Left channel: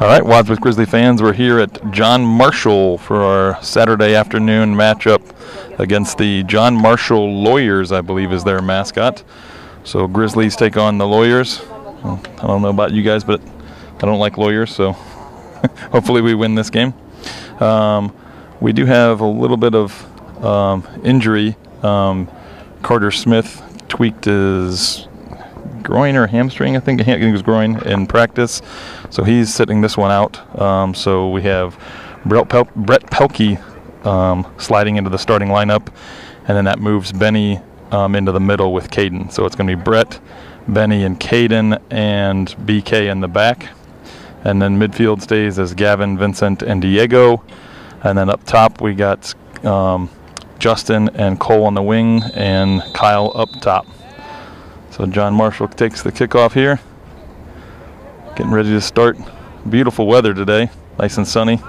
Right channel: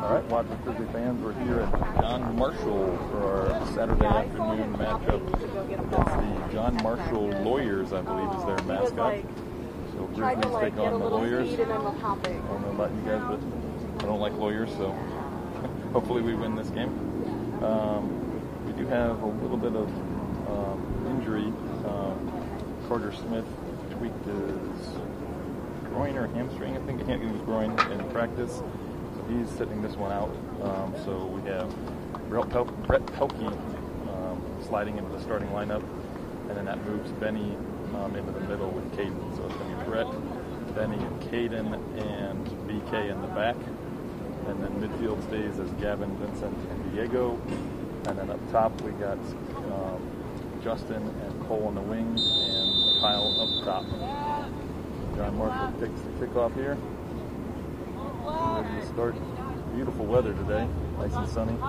All right, Wadsworth Grizzly fans, we're here at John Marshall for our Saturday afternoon matchup against the John Marshall Lawyers, I believe is their mascot. So Grizzlies take on the Lawyers. I don't know about you guys, but I don't like lawyers, so hopefully we win this game. We do have a little bit of injury. Carter Smith tweaked his groin or hamstring, I think it was groin, in practice. So he's sitting this one out. So we have Brett Pelkey sliding into the starting lineup, and then that moves Benny into the middle with Caden. So it's going to be Brett, Benny, and Caden, and BK in the back. And then midfield stays as Gavin, Vincent, and Diego. And then up top we got Justin and Cole on the wing, and Kyle up top. So John Marshall takes the kickoff here. Getting ready to start. Beautiful weather today, nice and sunny.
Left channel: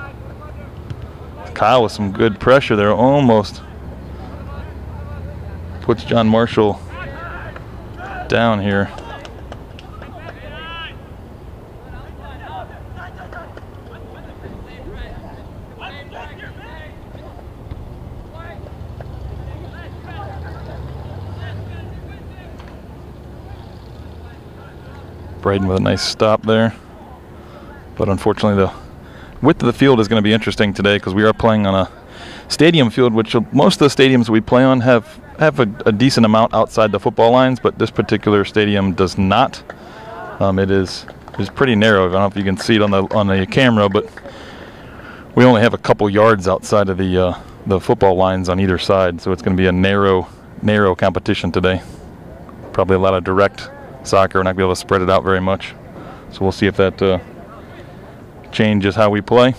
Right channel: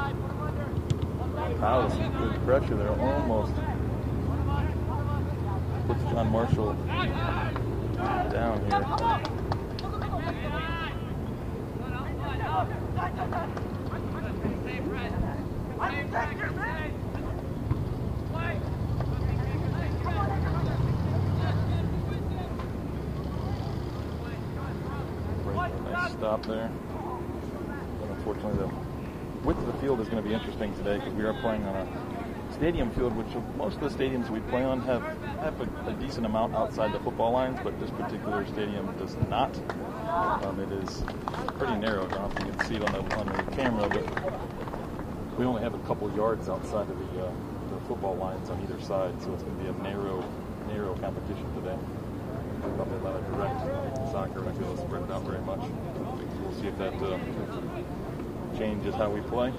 Kyle with some good pressure there, almost puts John Marshall down here. Braden with a nice stop there. But unfortunately the width of the field is going to be interesting today because we are playing on a stadium field, which most of the stadiums we play on have a decent amount outside the football lines, but this particular stadium does not. It is pretty narrow. I don't know if you can see it on the camera, but we only have a couple yards outside of the football lines on either side, so it's going to be a narrow competition today. Probably a lot of direct soccer. We're not going to be able to spread it out very much. So we'll see if that changes how we play.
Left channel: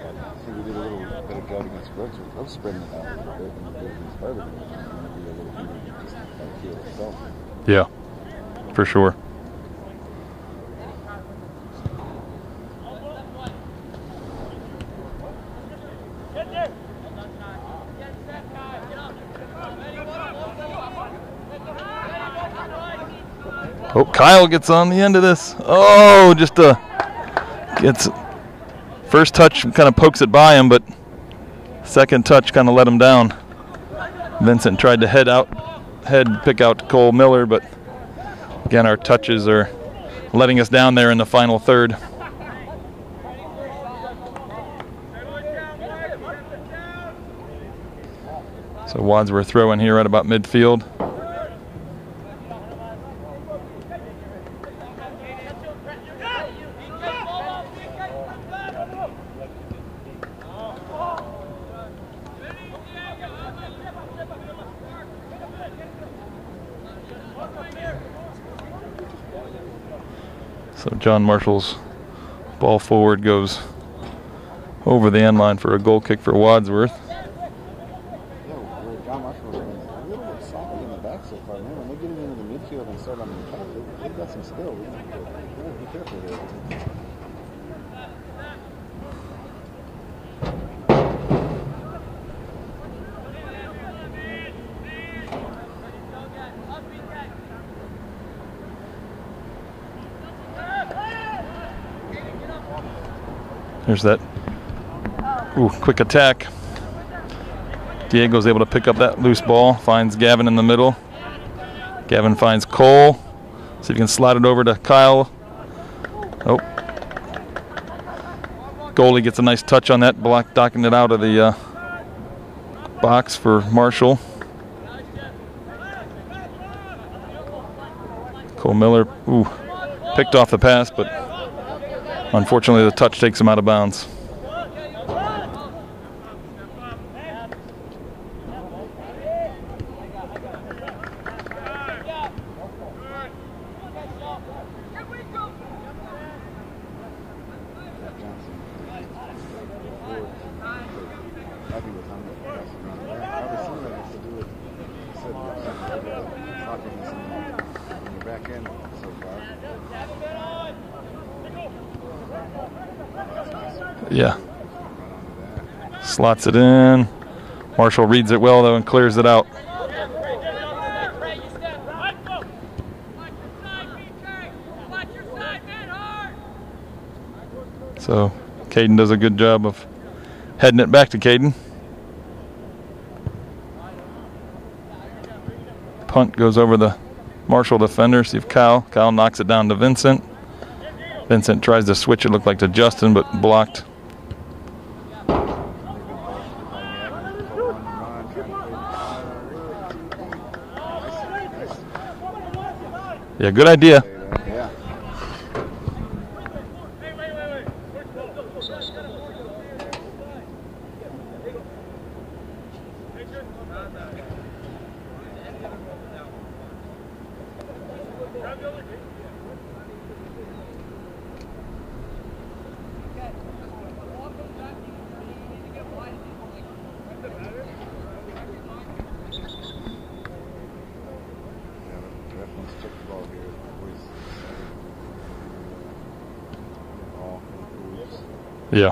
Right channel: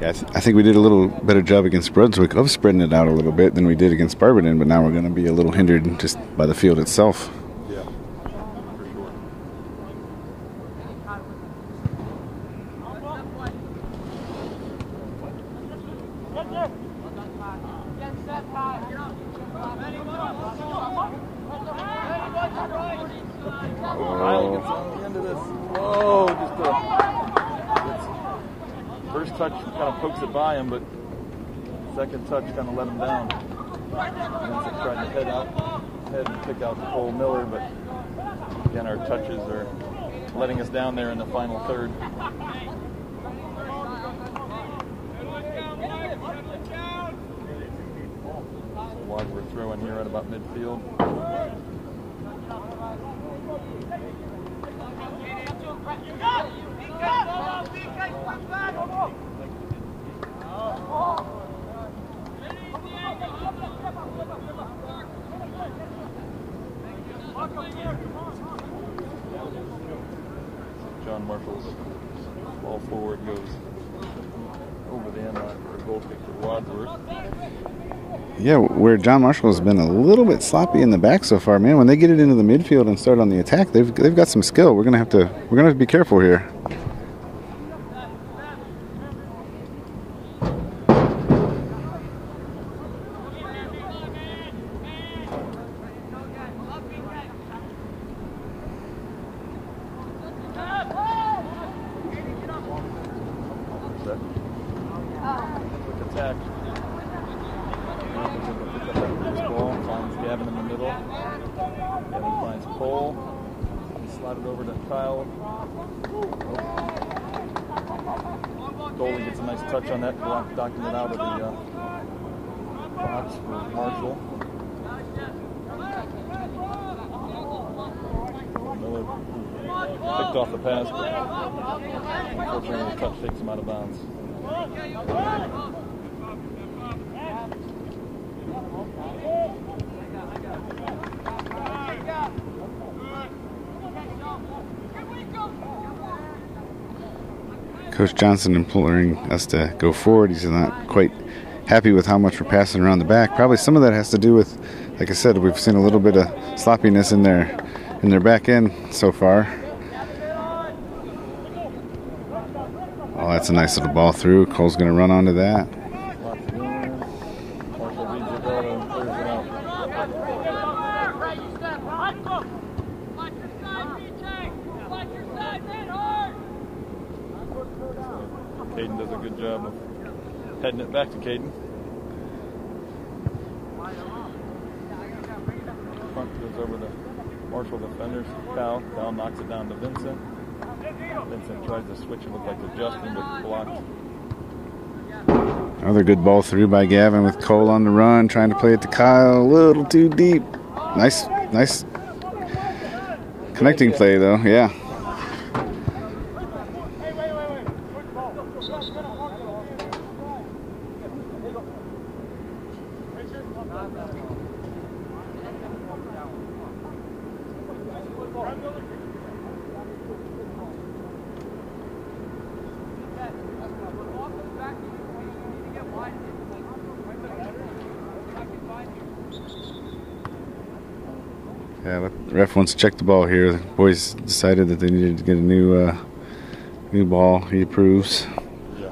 Yeah, I think we did a little better job against Brunswick of spreading it out a little bit than we did against Barberton, but now we're going to be a little hindered just by the field itself. Yeah, for sure. Oh, Kyle gets on the end of this. Oh, just gets first touch, kind of pokes it by him, but second touch kind of let him down. Vincent tried to pick out Cole Miller, but again, our touches are letting us down there in the final third. So Wadsworth throwing here at about midfield. So John Marshall's ball forward goes over the end line for a goal kick for Wadsworth. Yeah, where John Marshall has been a little bit sloppy in the back so far, man. When they get it into the midfield and start on the attack, they've got some skill. We're gonna have to be careful here. There's that quick attack. Diego's able to pick up that loose ball, finds Gavin in the middle. Gavin finds Cole. See if he can slide it over to Kyle. Oh. Goalie gets a nice touch on that, docking it out of the box for Marshall. Cole Miller, picked off the pass, but unfortunately the touch takes him out of bounds. Coach Johnson imploring us to go forward. He's not quite happy with how much we're passing around the back. Probably some of that has to do with, like I said, we've seen a little bit of sloppiness in their back end so far. Oh, that's a nice little ball through. Cole's going to run onto that. Slots it in. Marshall reads it well, though, and clears it out. So Caden does a good job of heading it back to Caden. Punt goes over the Marshall defender. See if Kyle knocks it down to Vincent. Vincent tries to switch it, looked like to Justin, but blocked. Another good ball through by Gavin with Cole on the run, trying to play it to Kyle. A little too deep. Nice. Yeah, good idea. Play though, yeah. Yeah, the ref wants to check the ball here. The boys decided that they needed to get a new ball. He approves. Yeah.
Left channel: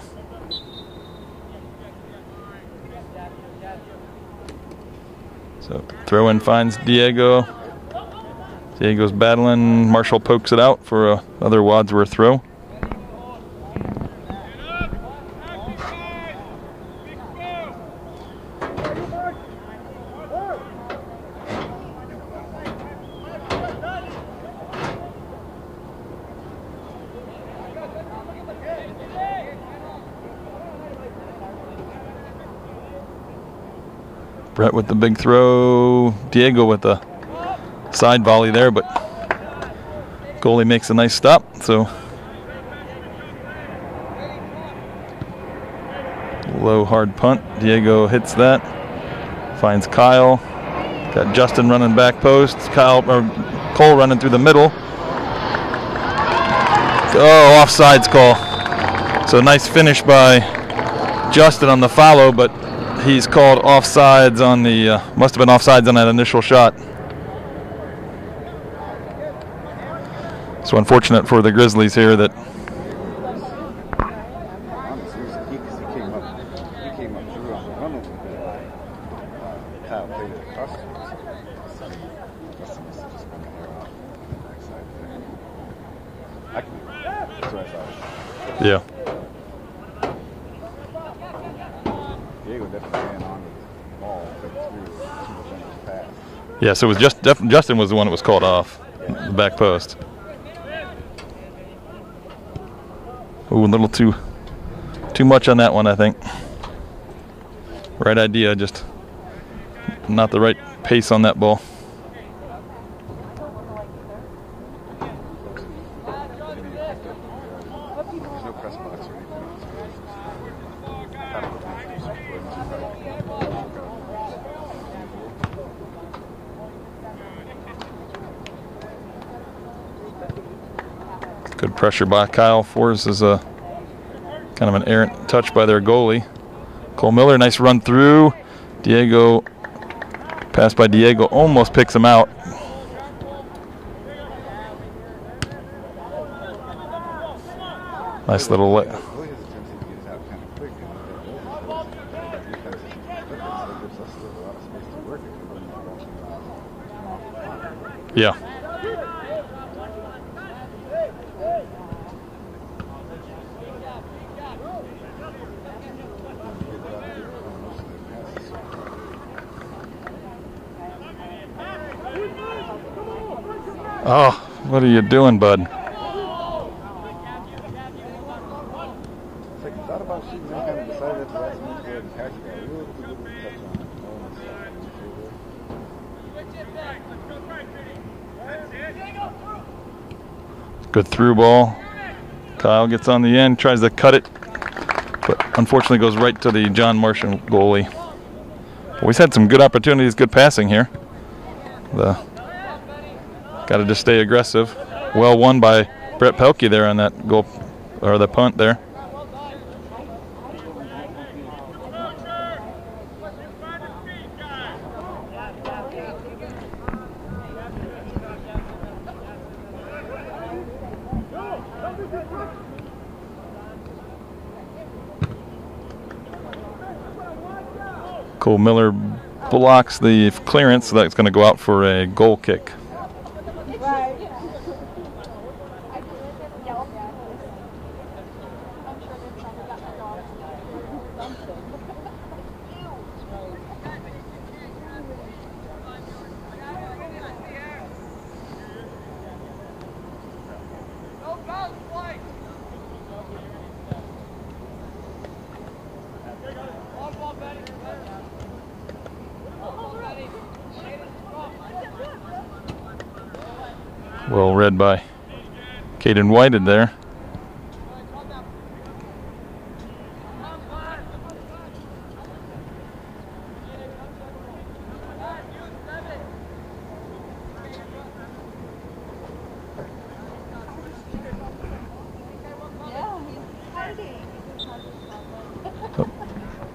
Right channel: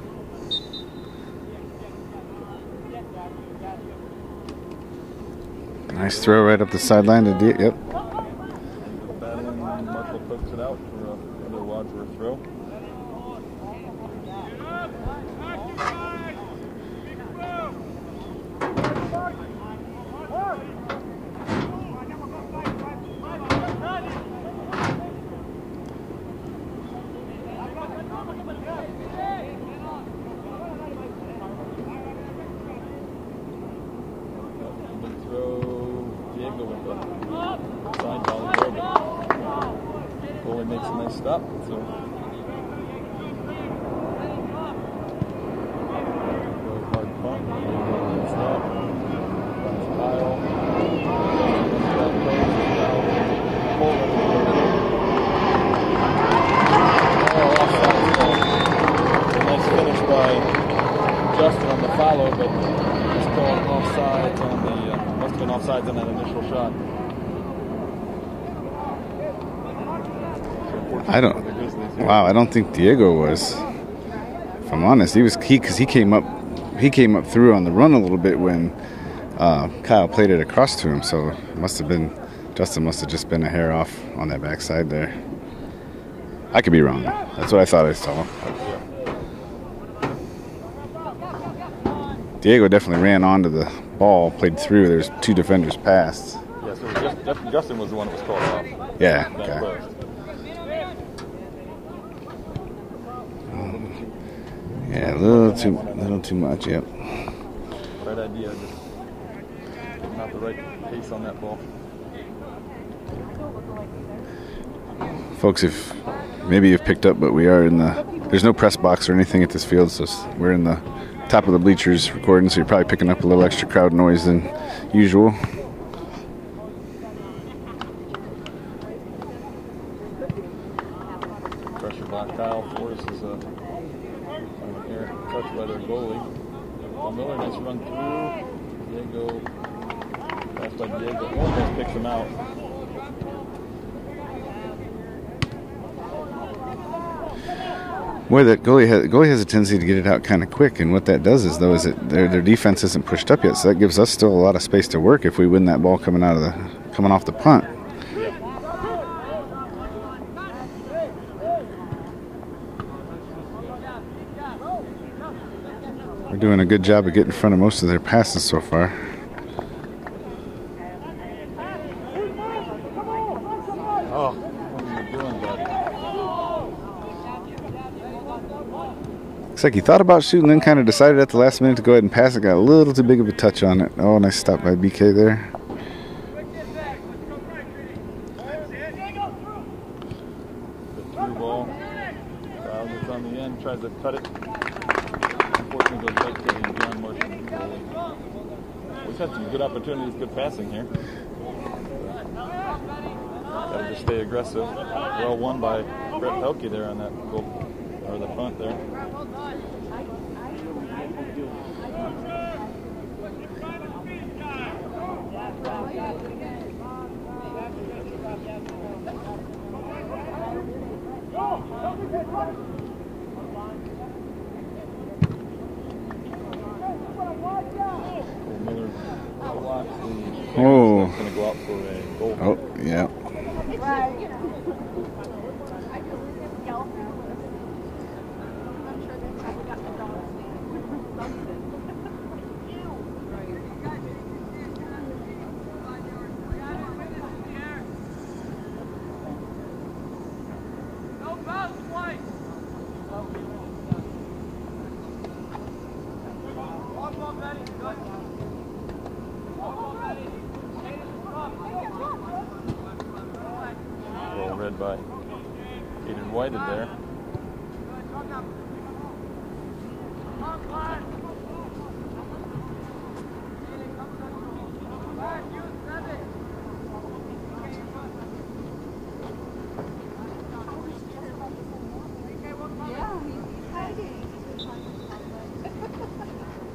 So Nice throw in right finds Diego. Yep. Diego's battling. Marshall pokes it out for another Wadsworth throw. Brett with the big throw. Diego with the side volley there, but goalie makes a nice stop. So low hard punt. Diego hits that. Finds Kyle. Got Justin running back post. Cole running through the middle. Oh, offsides call. So nice finish by Justin on the follow, but he's called offsides on the, must have been offsides on that initial shot. So unfortunate for the Grizzlies here. I don't think Diego was. If I'm honest, because he came up through on the run a little bit when Kyle played it across to him. So it must have been, Justin must have just been a hair off on that backside there. I could be wrong. That's what I thought I saw. Yeah. Diego definitely ran onto the ball, played through. There's two defenders past. Yeah, so it was just Justin was the one that was called off. Yeah. Back post. Ooh, a little too much on that one, I think. Too much, yep. Right idea, just not the right pace on that ball. Folks, if maybe you've picked up, but we are there's no press box or anything at this field, so we're in the top of the bleachers recording, so you're probably picking up a little extra crowd noise than usual. Good pressure by Kyle. Forces a kind of an errant touch by their goalie. Cole Miller, nice run through. Diego, pass by Diego, almost picks him out. Boy, the goalie has a tendency to get it out kind of quick, and what that does is their defense isn't pushed up yet, so that gives us still a lot of space to work if we win that ball coming off the punt. Yeah. They're doing a good job of getting in front of most of their passes so far. Oh, what are you doing, bud? Looks like he thought about shooting, then kind of decided at the last minute to go ahead and pass it. Got a little too big of a touch on it. Oh, nice stop by BK there. Good through ball. Kyle gets on the end, tries to cut it, but unfortunately goes right to the John Marshall goalie. We've had some good opportunities, good passing here. Got to just stay aggressive. Well won by Brett Pelkey there on that goal, or the punt there. Cole Miller blocks the clearance. That's going to go out for a goal kick. Yeah. Well read by Caden Whited there.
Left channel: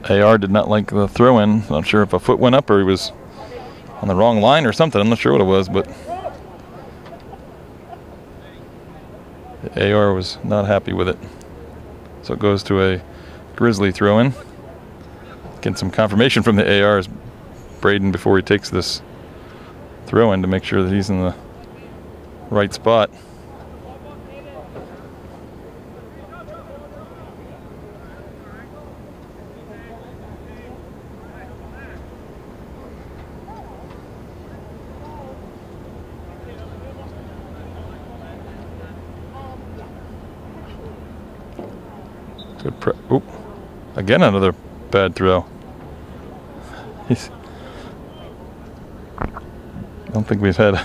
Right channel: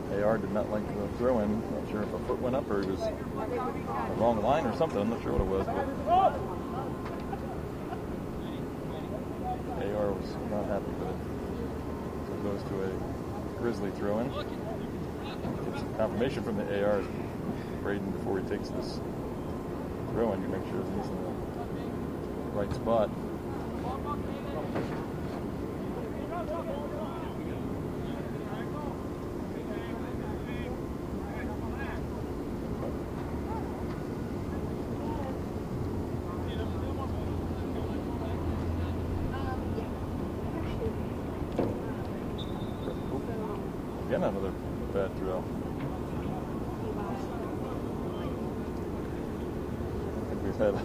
AR did not like the throw-in. Not sure if a foot went up or he was on the wrong line or something. I'm not sure what it was, but the AR was not happy with it. So it goes to a Grizzly throw-in. Getting some confirmation from the AR is Braden before he takes this throw-in to make sure that he's in the right spot. Good oop. Again, another bad throw. I don't think we've had.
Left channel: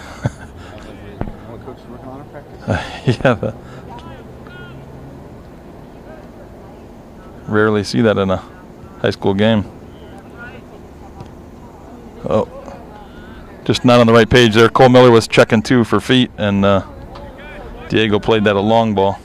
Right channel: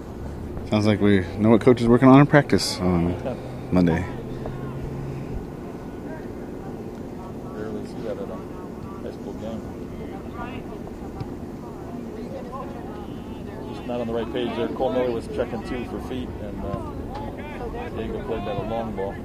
Sounds like we know what coach is working on in practice on Monday. Rarely see that in a high school game. Oh, just not on the right page there. Cole Miller was checking too for feet, and Diego played that a long ball.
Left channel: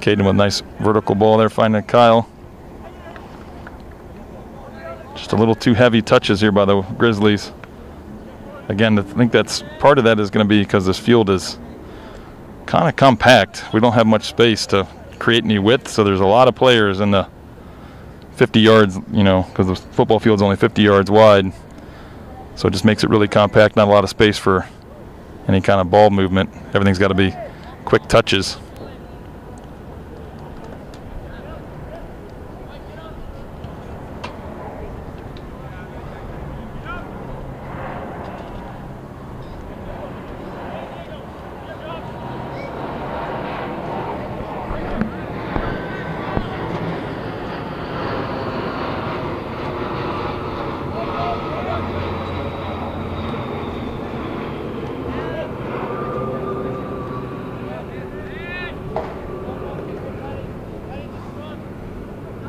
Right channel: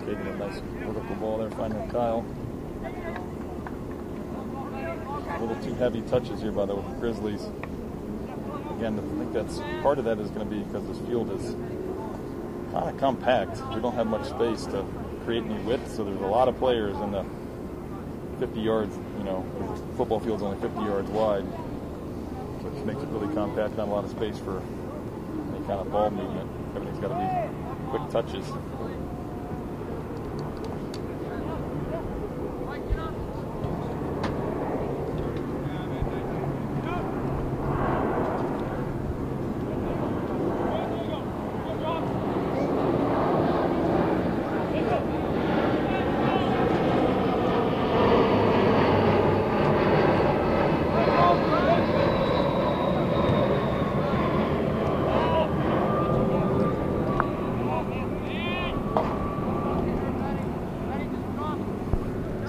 Caden with a nice vertical ball there, finding Kyle. Just a little too heavy touches here by the Grizzlies. Again, I think that's part of that is going to be because this field is kind of compact. We don't have much space to create any width, so there's a lot of players in the 50 yards, you know, because the football field's only 50 yards wide. So it just makes it really compact, not a lot of space for any kind of ball movement. Everything's got to be quick touches.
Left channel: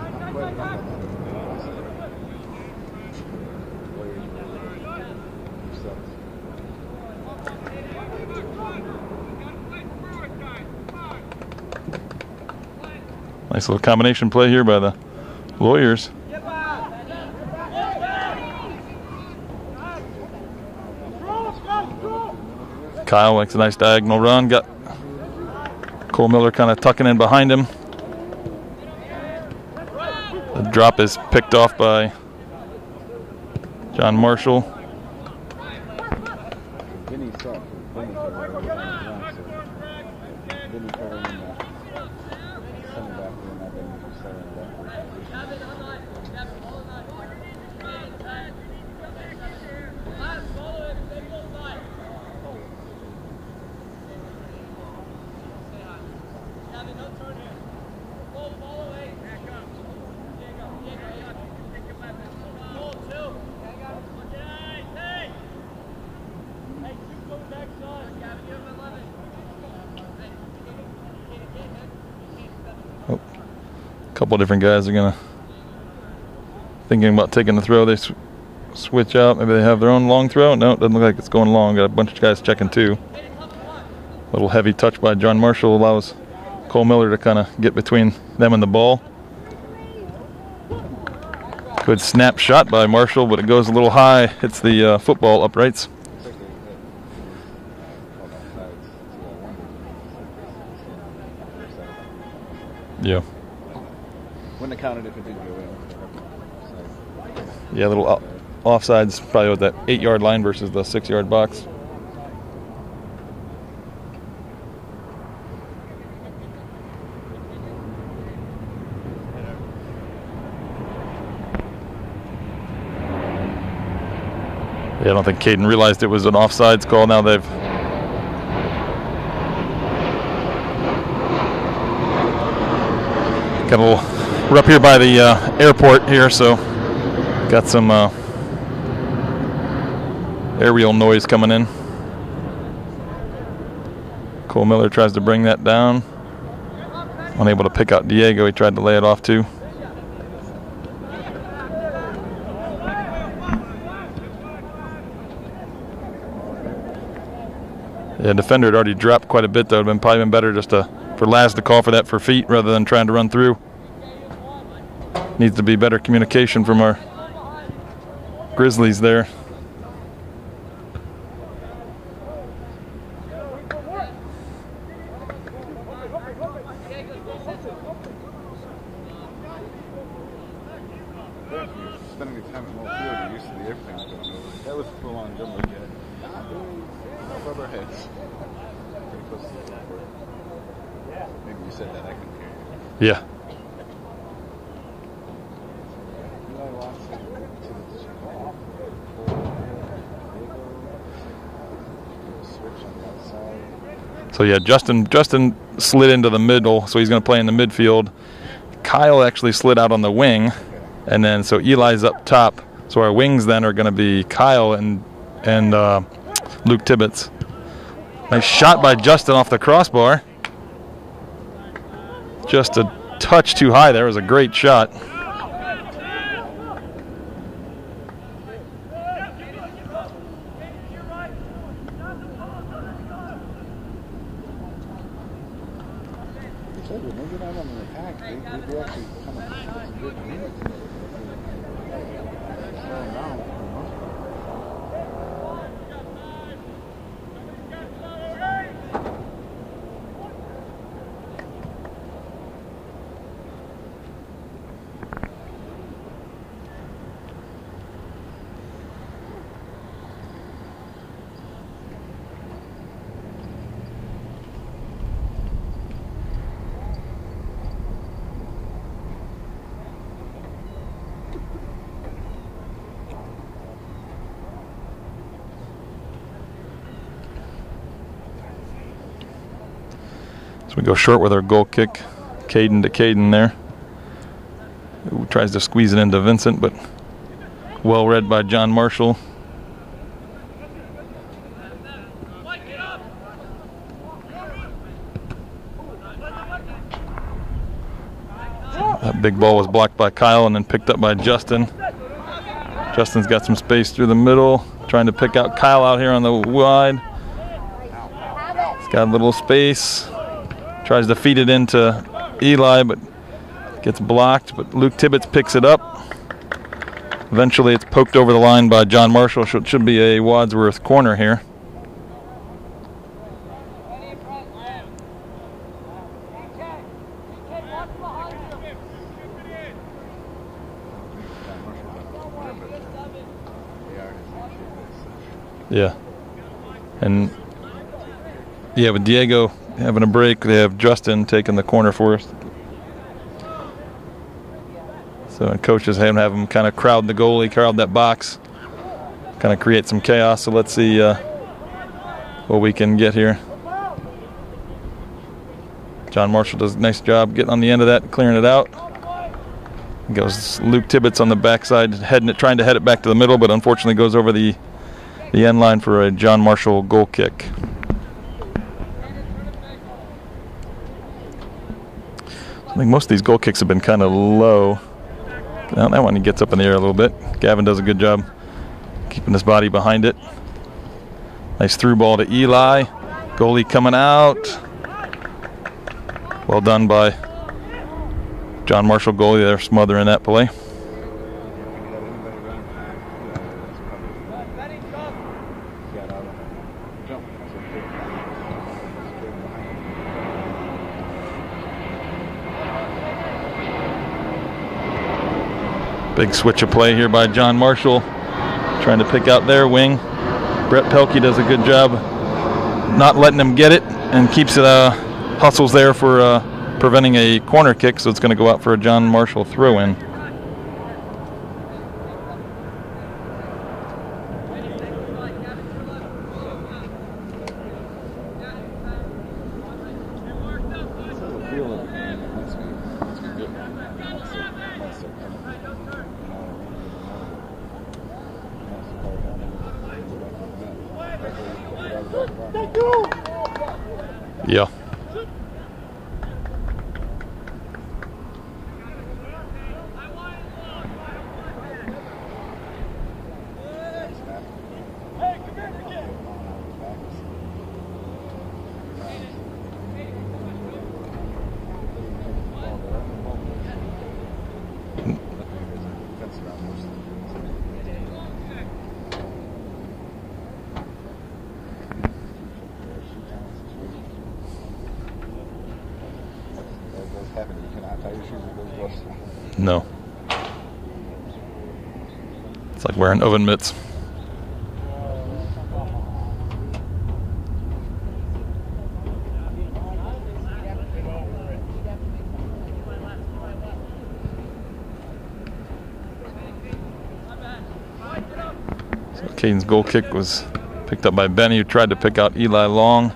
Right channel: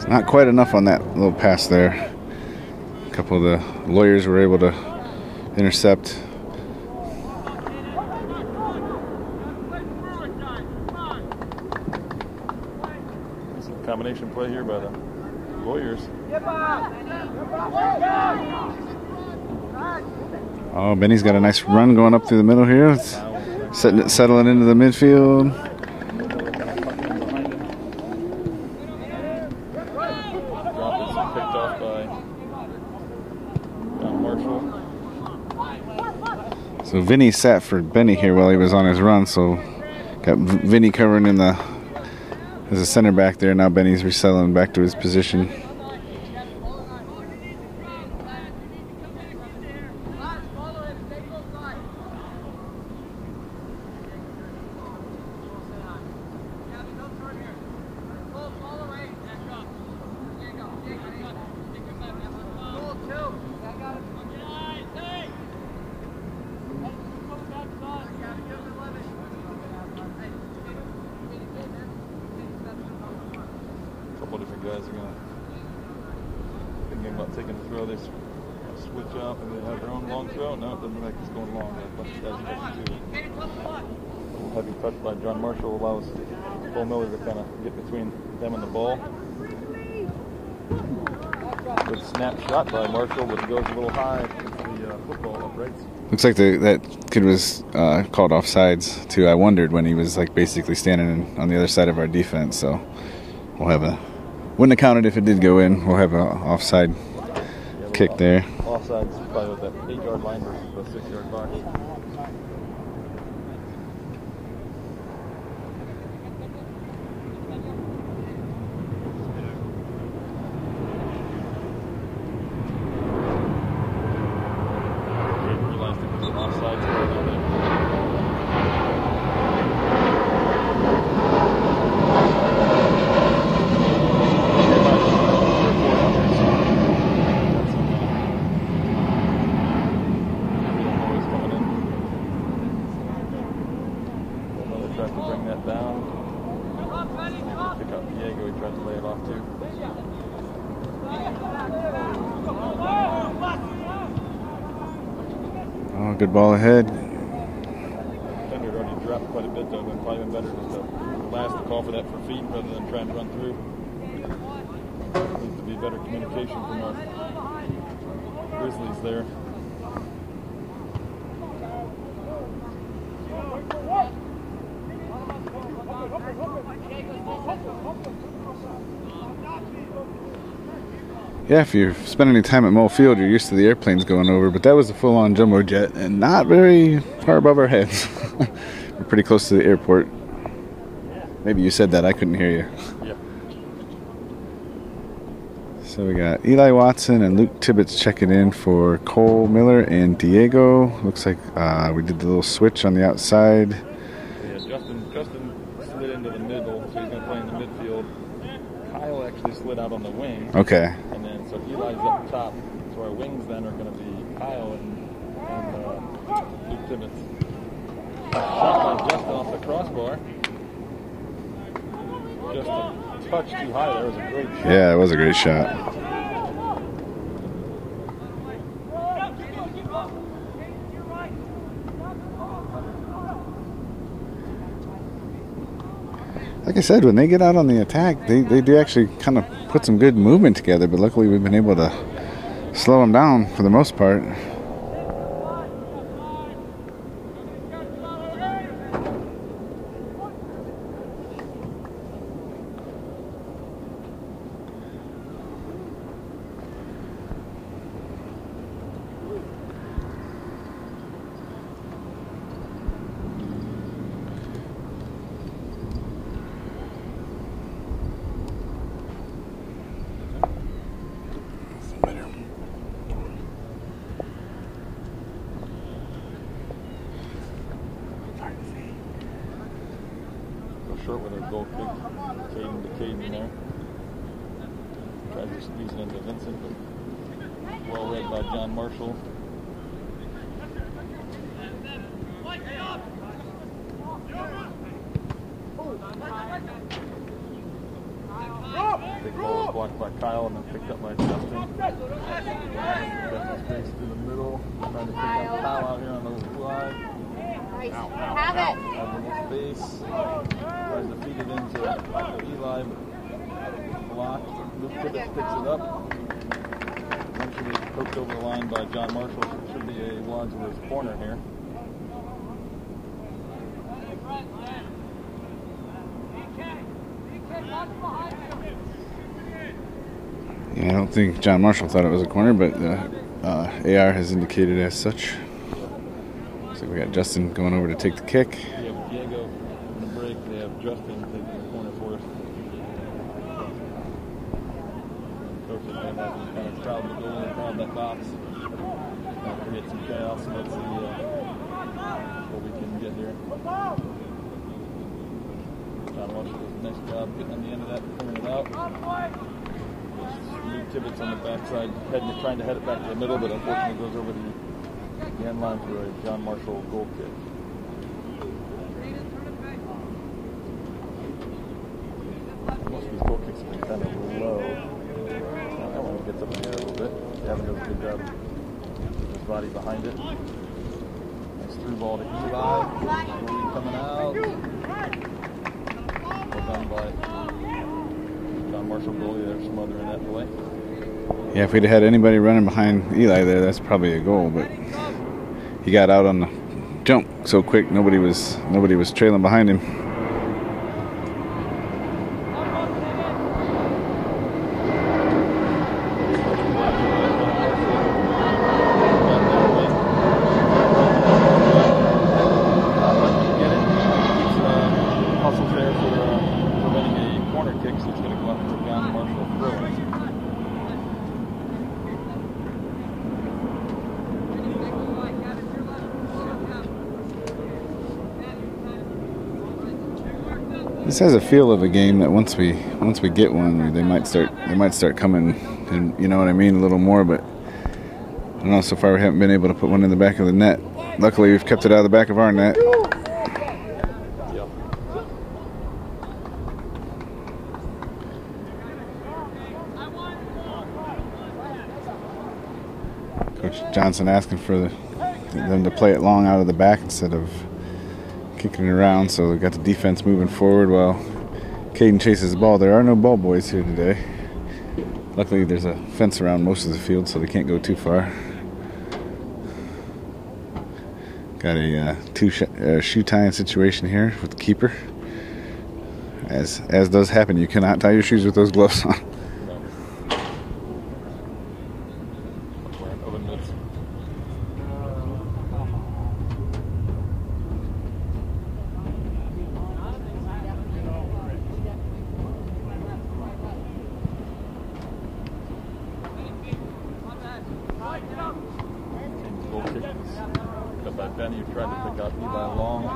Not quite enough on that little pass there. A couple of the lawyers were able to intercept. Nice little combination play here by the lawyers. Oh, Benny's got a nice run going up through the middle here. Kyle likes a nice diagonal run. Into the midfield. Cole Miller kind of tucking in behind him. The drop is picked off by John Marshall. So Vinny sat for Benny here while he was on his run. So got Vinny covering in the as a center back there. Now Benny's resettling back to his position. Couple different guys are gonna thinking about taking the throw. They switch out. Maybe they have their own long throw. No, it doesn't look like it's going long. Got a bunch of guys checking too. A little heavy touch by John Marshall allows Cole Miller to kind of get between them and the ball. Good snap shot by Marshall, but it goes a little high. Hits the football uprights. Looks like that kid was called offsides too. I wondered when he was like basically standing on the other side of our defense. So yeah. We'll have wouldn't have counted if it did go in. We'll have an offside kick there. Offside's probably with that 8-yard line versus the 6-yard box. Yeah, I don't think Caden realized it was an offsides call. Now they've got a little. We're up here by the airport here, so got some aerial noise coming in. Cole Miller tries to bring that down. Unable to pick out Diego. He tried to lay it off too. Oh, good ball ahead. Yeah, defender had already dropped quite a bit though. It would have probably been better just for Laz to call for that for feet rather than trying to run through. Needs to be better communication from our Grizzlies there. Yeah, if you spend any time at Mole Field, you're used to the airplanes going over, but that was a full-on jumbo jet and not very far above our heads. We're pretty close to the airport. Maybe you said that, I couldn't hear you. Yeah. So we got Eli Watson and Luke Tibbetts checking in for Cole Miller and Diego. Looks like we did the little switch on the outside. So yeah, Justin slid into the middle, so he's going to play in the midfield. Kyle actually slid out on the wing. Okay. And then so Eli's up top. So our wings then are going to be Kyle and Luke Tibbetts. Nice shot by Justin off the crossbar. Just a touch too high there. It was a great shot. Yeah, it was a great shot. Like I said, when they get out on the attack, they do actually kind of put some good movement together, but luckily we've been able to slow them down for the most part. We go short with our goal kick. Caden to Caden there. Who tries to squeeze it into Vincent, but well read by John Marshall. That big ball was blocked by Kyle and then picked up by Justin. Justin's got some space through the middle, trying to pick out Kyle out here on the wide. He's got a little space. Tries to feed it into Eli, but gets blocked. But Luke Tibbetts picks it up. Eventually, it's poked over the line by John Marshall. Should be a Wadsworth corner here. Yeah, I don't think John Marshall thought it was a corner, but AR has indicated as such. Yeah. So we got Justin going over to take the kick. Yeah, with Diego having a break, they have Justin taking the corner for us. So coaches have him kind of crowd the goalie, crowd that box, kind of create some chaos. So let's see what we can get here. John Marshall does a nice job getting on the end of that, clearing it out. Goes Luke Tibbetts on the backside, trying to head it back to the middle, but unfortunately goes over the end line for a John Marshall goal kick. I think most of these goal kicks have been kind of low. Now that one he gets up in the air a little bit. Gavin does a good job keeping his body behind it. Nice through ball to Eli. Goalie coming out. Well done by John Marshall, goalie there, smothering that play. Yeah, if we'd have had anybody running behind Eli there, that's probably a goal, but he got out on the jump so quick nobody was trailing behind him. Big switch of play here by John Marshall, trying to pick out their wing. Brett Pelkey does a good job not letting them get it and keeps hustles there for preventing a corner kick, so it's going to go out for a John Marshall throw-in. This has a feel of a game that once we get one, they might start coming, and you know what I mean, a little more. But I don't know. So far, we haven't been able to put one in the back of the net. Luckily, we've kept it out of the back of our net. Yeah. Coach Johnson asking for them to play it long out of the back instead of kicking it around, so they've got the defense moving forward while Caden chases the ball. There are no ball boys here today. Luckily, there's a fence around most of the field, so they can't go too far. Got a shoe tying situation here with the keeper. As does happen, you cannot tie your shoes with those gloves on. No. It's like wearing oven mitts. So Caden's goal kick was picked up by Benny, who tried to pick out Eli Long.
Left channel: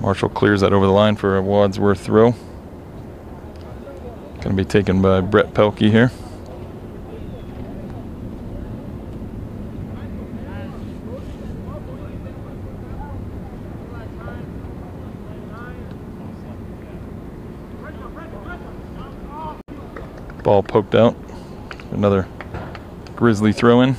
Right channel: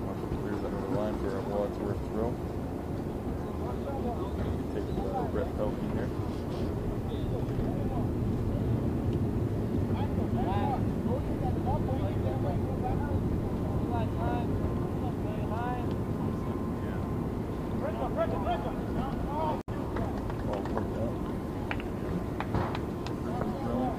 Marshall clears that over the line for a Wadsworth throw. Going to be taken by Brett Pelkey here. Ball poked out. Another Grizzly throw-in.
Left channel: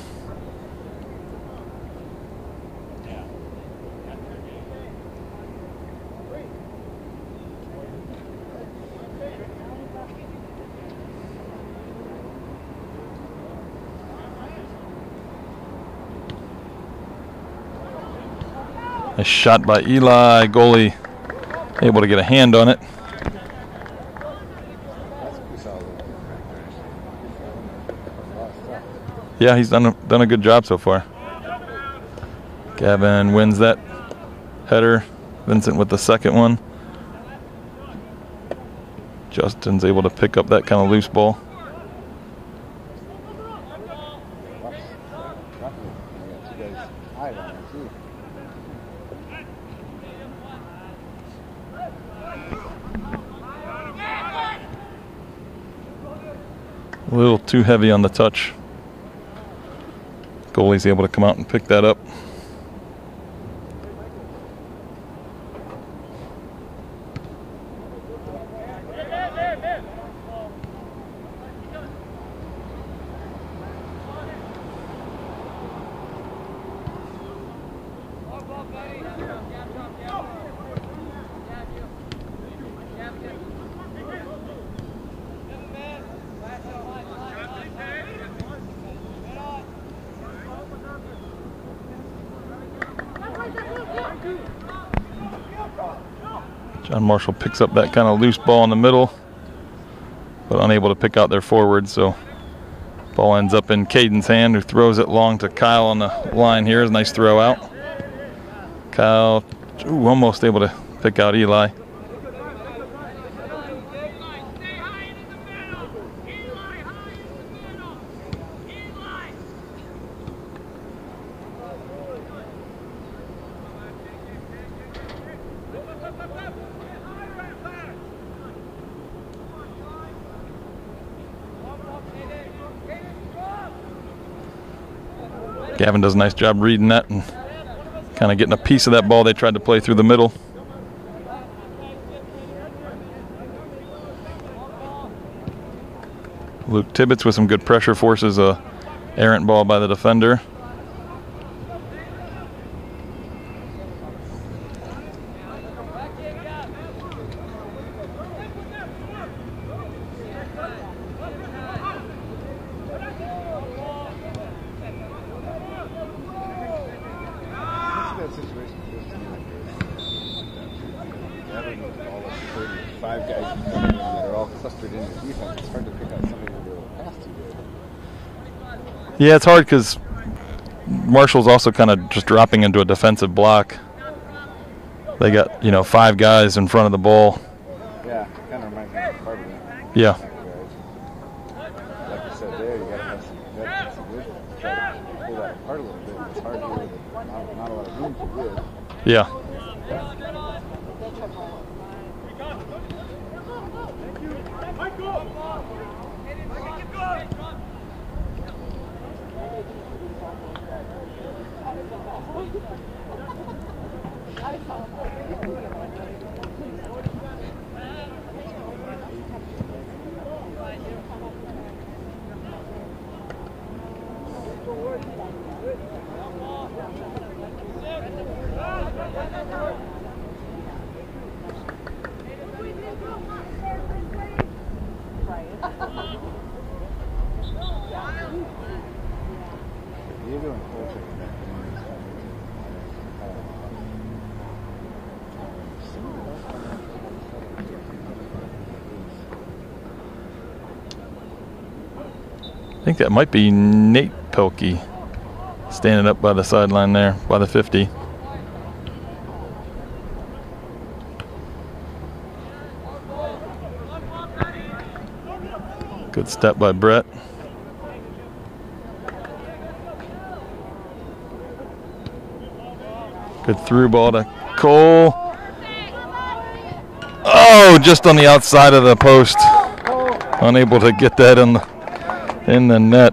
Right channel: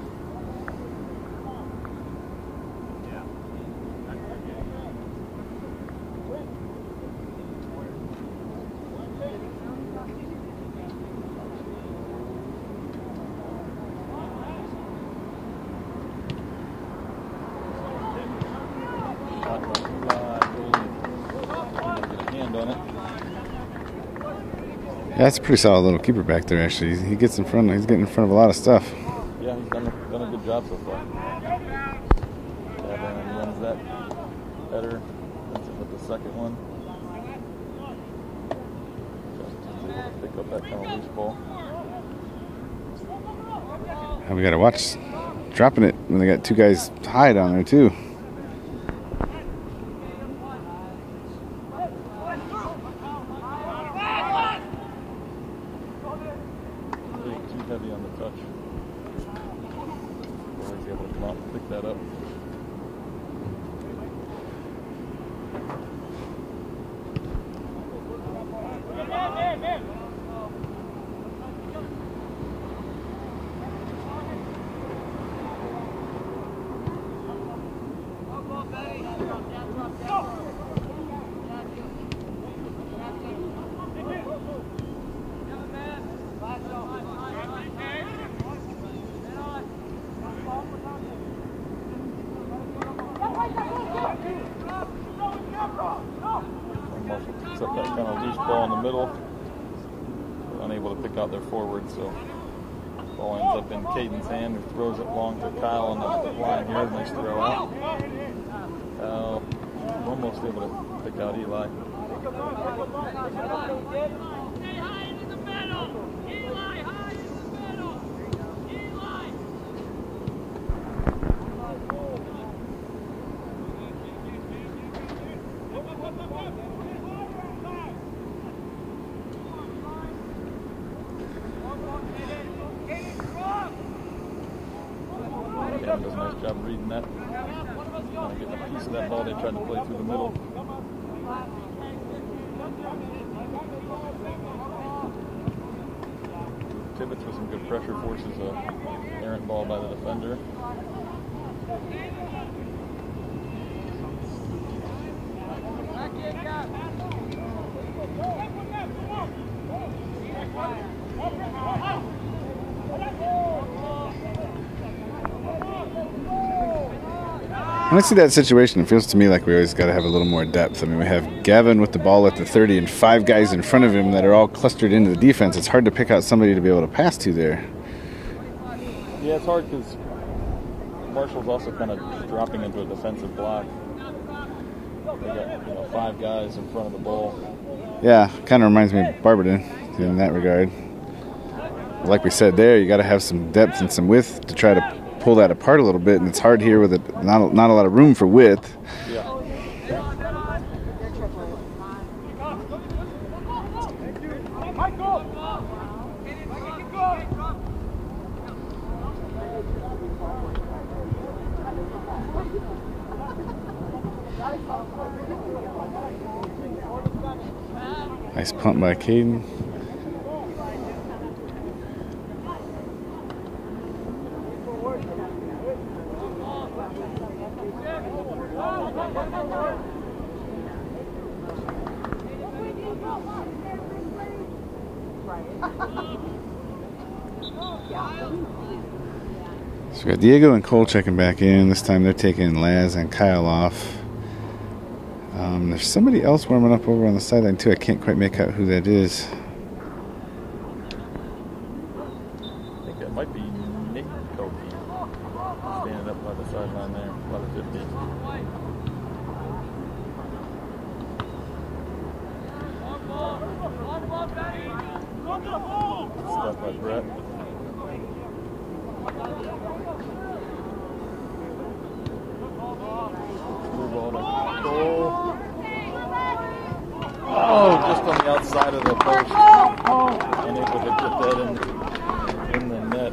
A shot by Eli. Goalie able to get a hand on it. Yeah, that's a pretty solid little keeper back there, actually. He gets in front. He's getting in front of a lot of stuff. Yeah, he's done a good job so far. Gavin wins that header. Vincent with the second one. Justin's able to pick up that kind of loose ball. And we got to watch dropping it when they got two guys tied on there, too. A little too heavy on the touch. Goalie's able to come out and pick that up. John Marshall picks up that kind of loose ball in the middle, but unable to pick out their forward, so ball ends up in Caden's hand, who throws it long to Kyle on the line here. Is a nice throw out. Kyle almost able to pick out Eli. Gavin does a nice job reading that and kind of getting a piece of that ball they tried to play through the middle. Luke Tibbetts with some good pressure forces a errant ball by the defender. When I see that situation, it feels to me like we always got to have a little more depth. I mean, we have Gavin with the ball at the 30 and 5 guys in front of him that are all clustered into the defense. It's hard to pick out somebody to be able to pass to there. Yeah, it's hard because Marshall's also kind of just dropping into a defensive block. They got, 5 guys in front of the ball. Yeah, kind of reminds me of Barberton in that regard. Like we said there, you got to have some depth and some width to try to pull that apart a little bit, and it's hard here with not a lot of room for width. Yeah. Nice punt by Caden. So we got Diego and Cole checking back in. This time they're taking Laz and Kyle off. There's somebody else warming up over on the sideline too. I can't quite make out who that is. I think that might be Nate Pelkey standing up by the sideline there, by the 50. Good step by Brett. Good through ball to Cole. Oh, just on the outside of the post. Unable to get that in the net.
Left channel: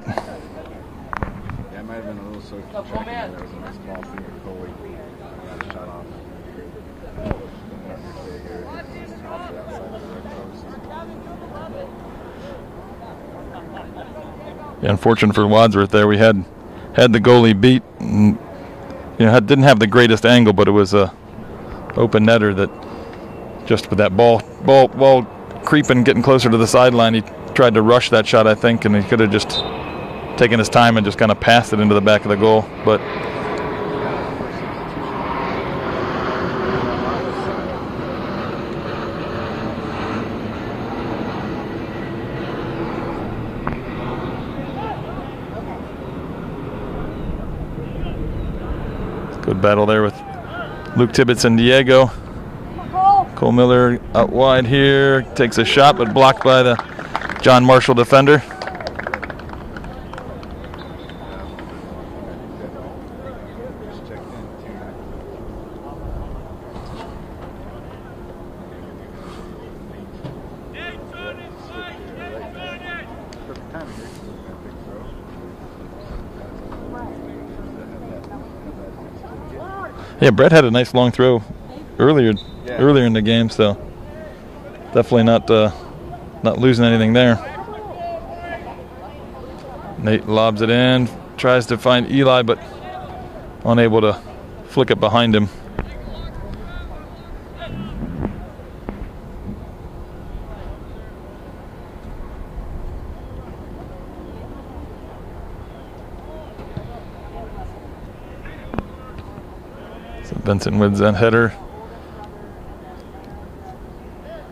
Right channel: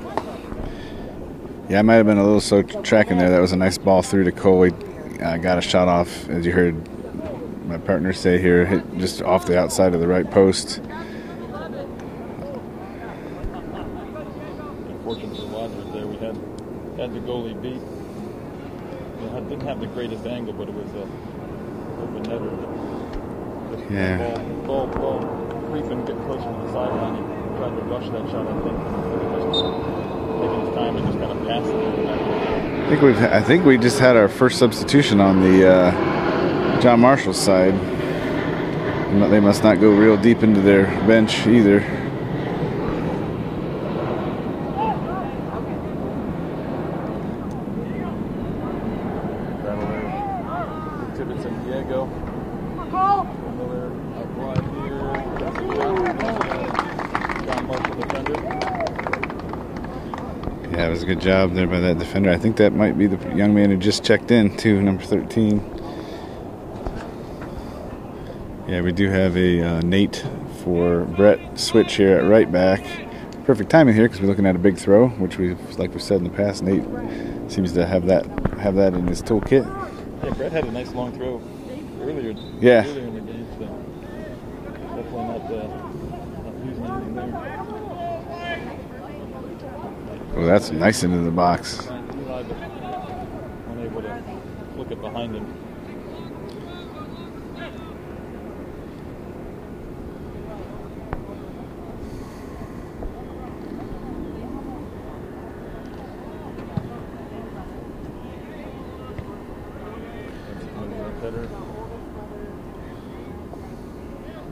Yeah, I might have been a little slow tracking there. That was a nice ball through to Cole. He got a shot off, as you heard my partner say here, hit just off the outside of the right post. Yeah, unfortunate for Wadsworth there. We had the goalie beat. And, didn't have the greatest angle, but it was a open netter that just with that ball creeping, getting closer to the sideline, he tried to rush that shot, I think, and he could have just taken his time and just kind of passed it into the back of the goal. But I think we just had our first substitution on the John Marshall side. They must not go real deep into their bench either. Good battle there with Luke Tibbetts and Diego. Cole Miller out wide here, takes a shot, but blocked by the John Marshall defender. Yeah, it was a good job there by that defender. I think that might be the young man who just checked in, too, number 13. Yeah, we do have a Nate for Brett switch here at right back. Perfect timing here because we're looking at a big throw, which like we said in the past, Nate seems to have that in his toolkit. Yeah, Brett had a nice long throw earlier in the game, so definitely not losing anything there. Nate lobs it in, nice tries to find Eli, but unable to flick it behind him. So Vincent wins that header.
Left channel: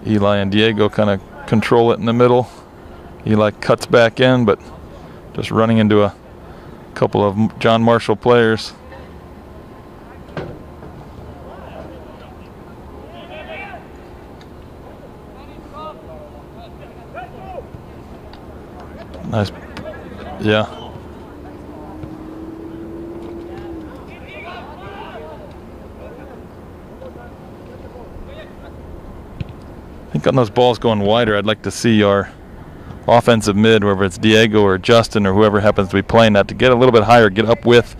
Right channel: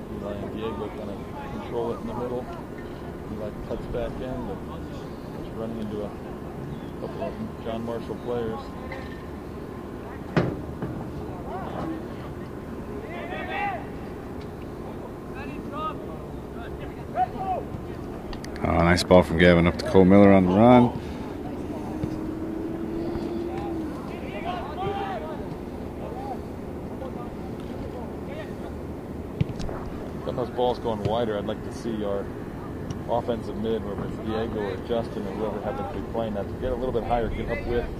Eli and Diego kind of control it in the middle. Eli cuts back in, but just running into a couple of John Marshall players. Oh, nice ball from Gavin up to Cole Miller on the run. I think on those balls going wider, I'd like to see our offensive mid, whether it's Diego or Justin or whoever happens to be playing that, to get a little bit higher, get up with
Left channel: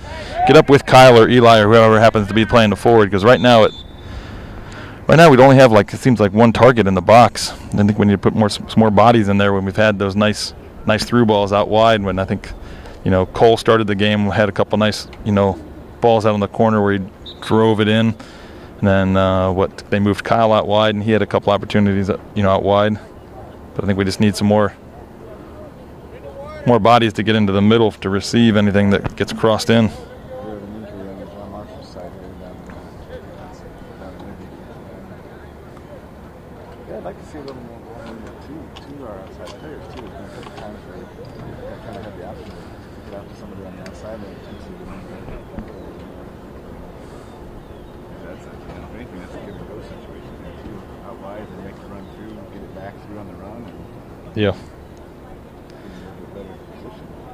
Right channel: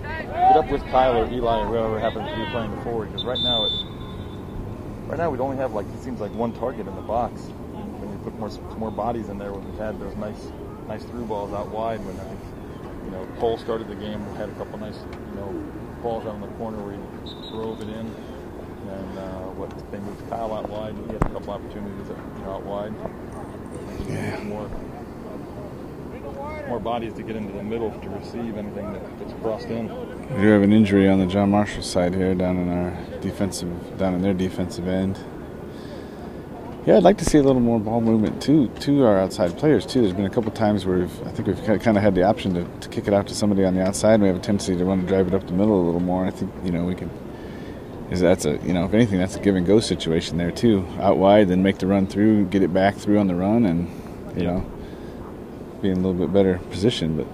Kyle or Eli or whoever happens to be playing the forward. Because right now we'd only have it seems like one target in the box. I think we need to put some more bodies in there when we've had those nice through balls out wide. When I think Cole started the game, had a couple nice balls out on the corner where he drove it in. And then they moved Kyle out wide, and he had a couple opportunities out wide. But I think we just need some more bodies to get into the middle to receive anything that gets crossed in. We do have an injury on the John Marshall side here down in their defensive end. Yeah, I'd like to see a little more ball movement to our outside players too. There's been a couple times where we've kind of had the option to kick it out to somebody on the outside. We have a tendency to want to drive it up the middle a little more. I think we can. That's if anything, that's a give and go situation there too. Out wide, then make the run through, get it back through on the run, and be in a little bit better position. But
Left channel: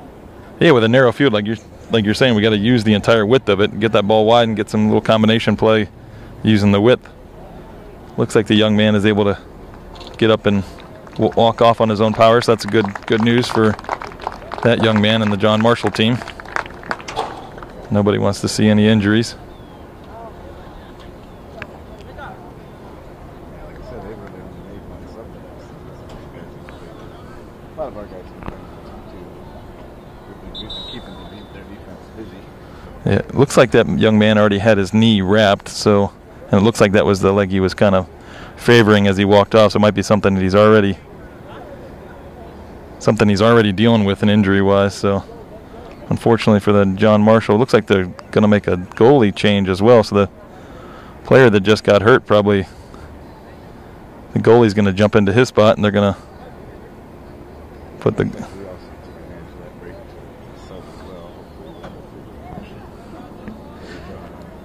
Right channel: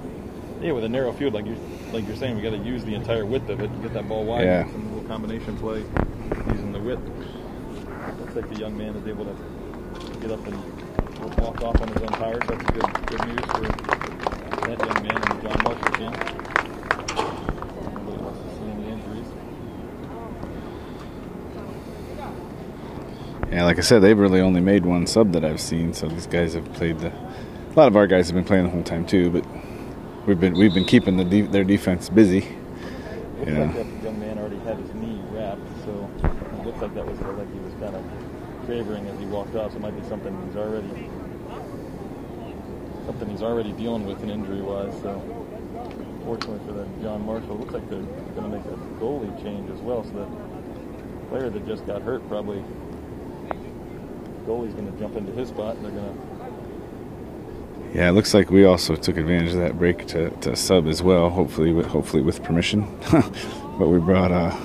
yeah, with a narrow field, like you're like you're saying, we got to use the entire width of it, get that ball wide, and get some little combination play using the width. Looks like the young man is able to get up and walk off on his own power, so that's good news for that young man and the John Marshall team. Nobody wants to see any injuries. Yeah, like I said, they've really only made one sub that I've seen, so these guys have played a lot of our guys have been playing the whole time too, but we've been keeping their defense busy. Yeah, it looks like that young man already had his knee wrapped, so, and it looks like that was the leg he was kind of favoring as he walked off, so it might be something that he's already dealing with an injury-wise. So unfortunately for the John Marshall, it looks like they're going to make a goalie change as well, so the player that just got hurt, probably the goalie's going to jump into his spot, and they're going to... Yeah, it looks like we also took advantage of that break to sub as well, hopefully with permission. But we brought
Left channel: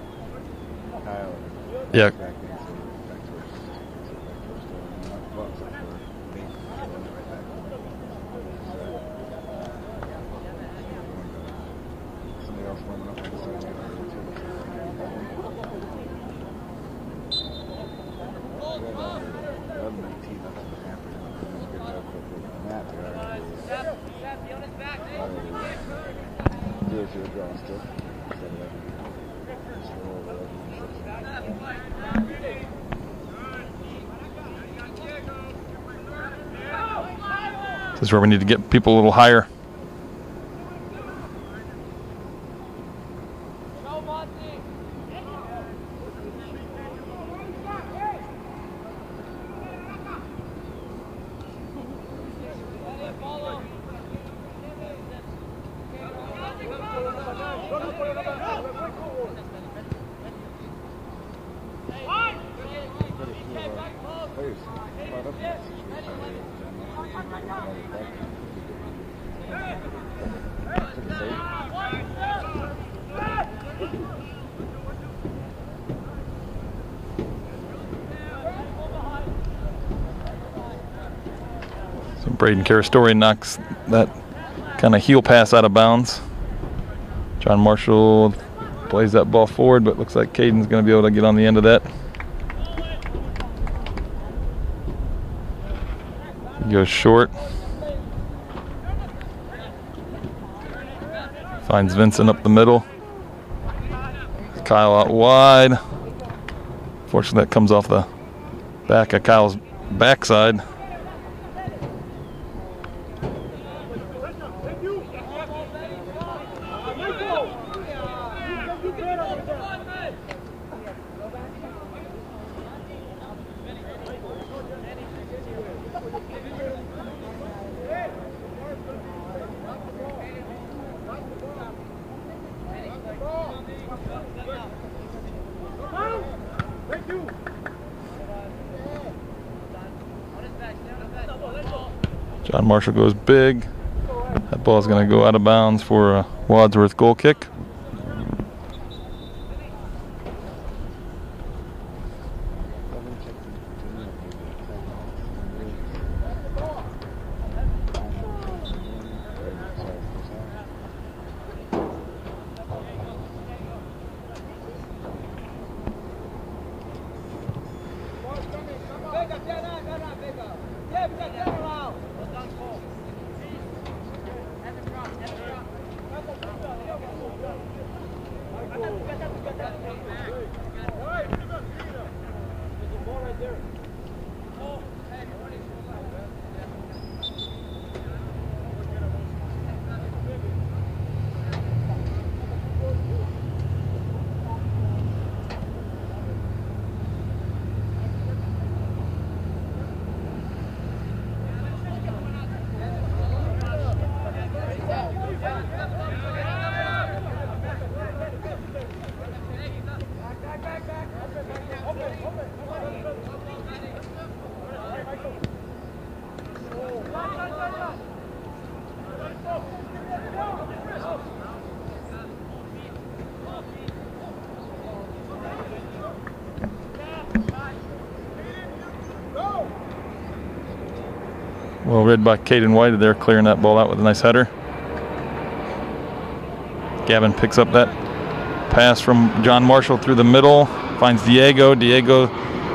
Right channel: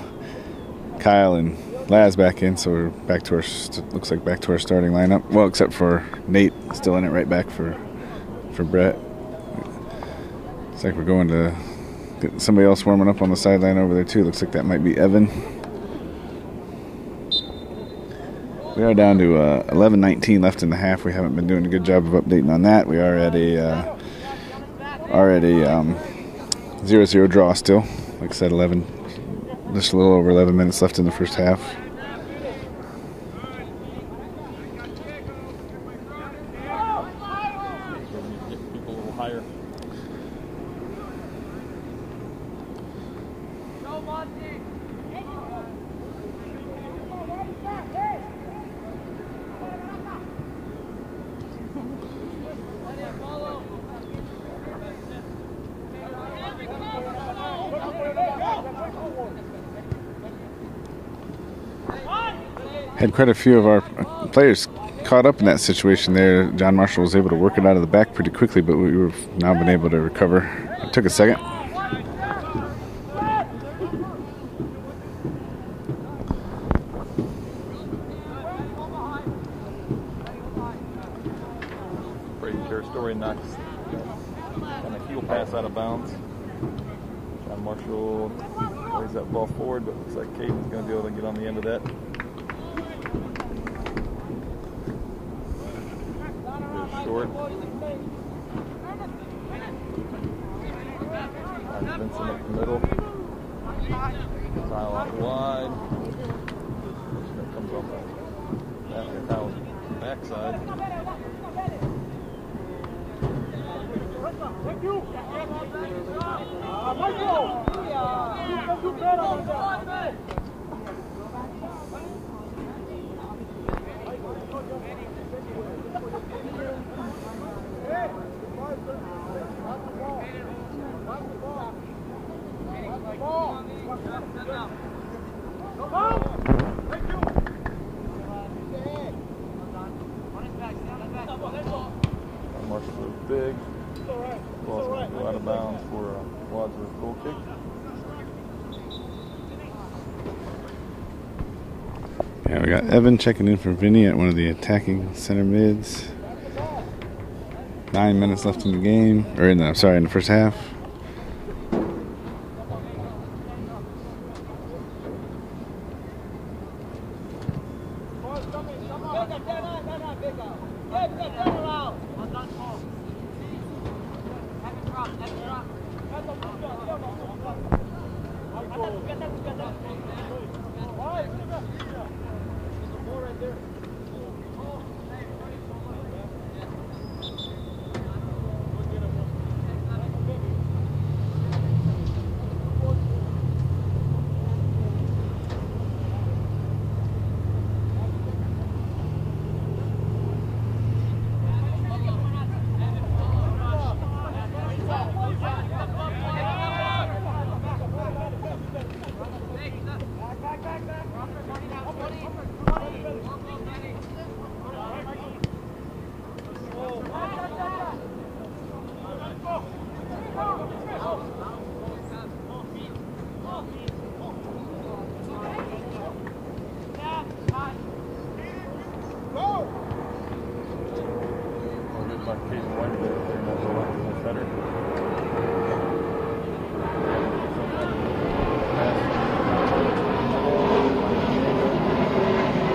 Kyle and Laz back in, so we're back to looks like back to our starting lineup. Well, except for Nate, still in it right back for Brett. Looks like we're going to get somebody else warming up on the sideline over there too. Looks like that might be Evan. We are down to 11:19 left in the half. We haven't been doing a good job of updating on that. We are at a 0-0 draw still. Like I said, just a little over 11 minutes left in the first half. This is where we need to get people a little higher. Had quite a few of our players caught up in that situation there. John Marshall was able to work it out of the back pretty quickly, but we've now been able to recover. It took a second. So Braden Carastori knocks that kind of heel pass out of bounds. John Marshall plays that ball forward, but looks like Caden's going to be able to get on the end of that. Goes short. Finds Vincent up the middle. Kyle out wide. Fortunately, that comes off the back of Kyle's backside. John Marshall goes big. That ball is going to go out of bounds for a Wadsworth goal kick. Yeah, we got Evan checking in for Vinny at one of the attacking center mids. 9 minutes left in the game, or in the first half. Well read by Caden White there, clearing that ball out with a nice header. Gavin picks up that pass from John Marshall through the middle, finds Diego. Diego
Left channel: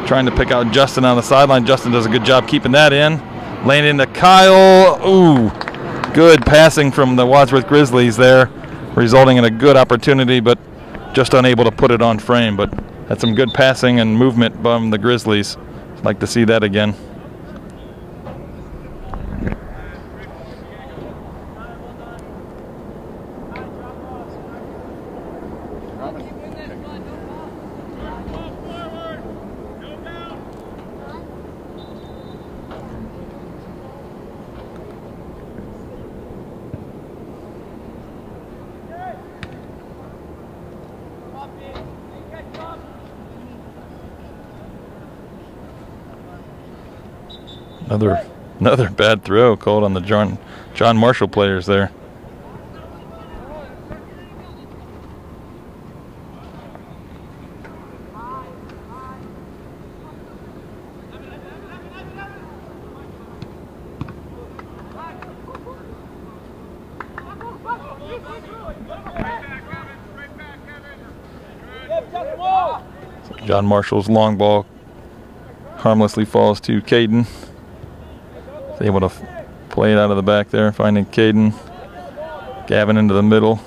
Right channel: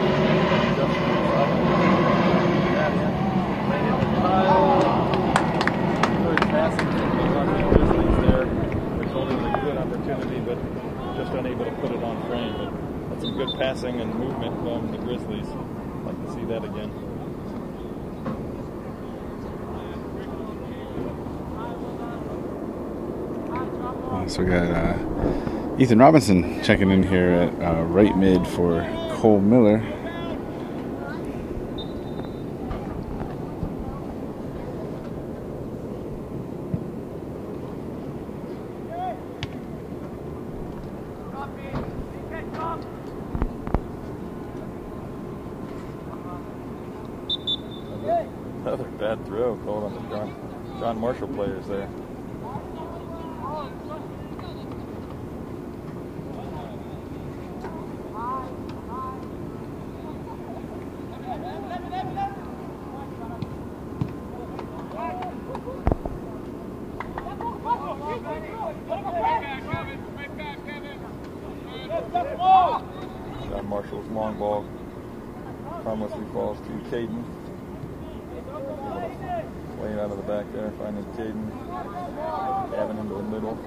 trying to pick out Justin on the sideline. Justin does a good job keeping that in. Laying into Kyle. Ooh, good passing from the Wadsworth Grizzlies there, resulting in a good opportunity, but just unable to put it on frame. But that's some good passing and movement from the Grizzlies. I'd like to see that again. So we got Ethan Robinson checking in here at right mid for Cole Miller. Another bad throw called on the John Marshall players there. John Marshall's long ball harmlessly falls to Caden. He's able to play it out of the back there, finding Caden. Gavin into the middle.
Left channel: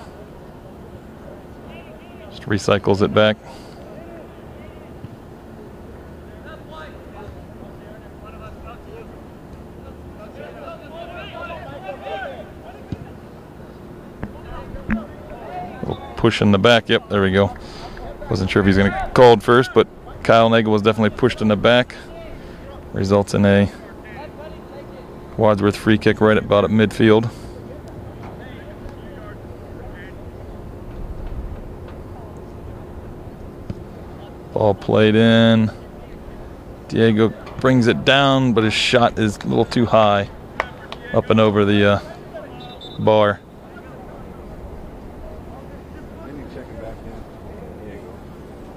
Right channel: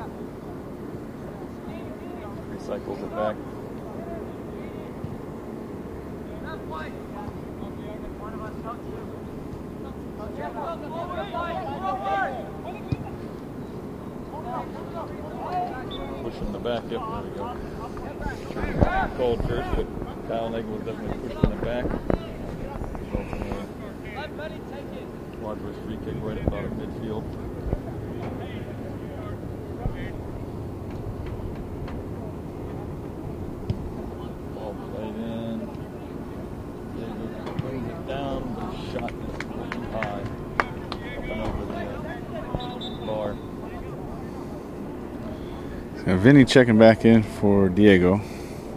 Just recycles it back. Push in the back. Yep, there we go. Wasn't sure if he's going to get called first, but Kyle Nagel was definitely pushed in the back. Results in a Wadsworth free kick right about at midfield. Ball played in. Diego brings it down, but his shot is a little too high up and over the bar. So Vinny checking back in for Diego.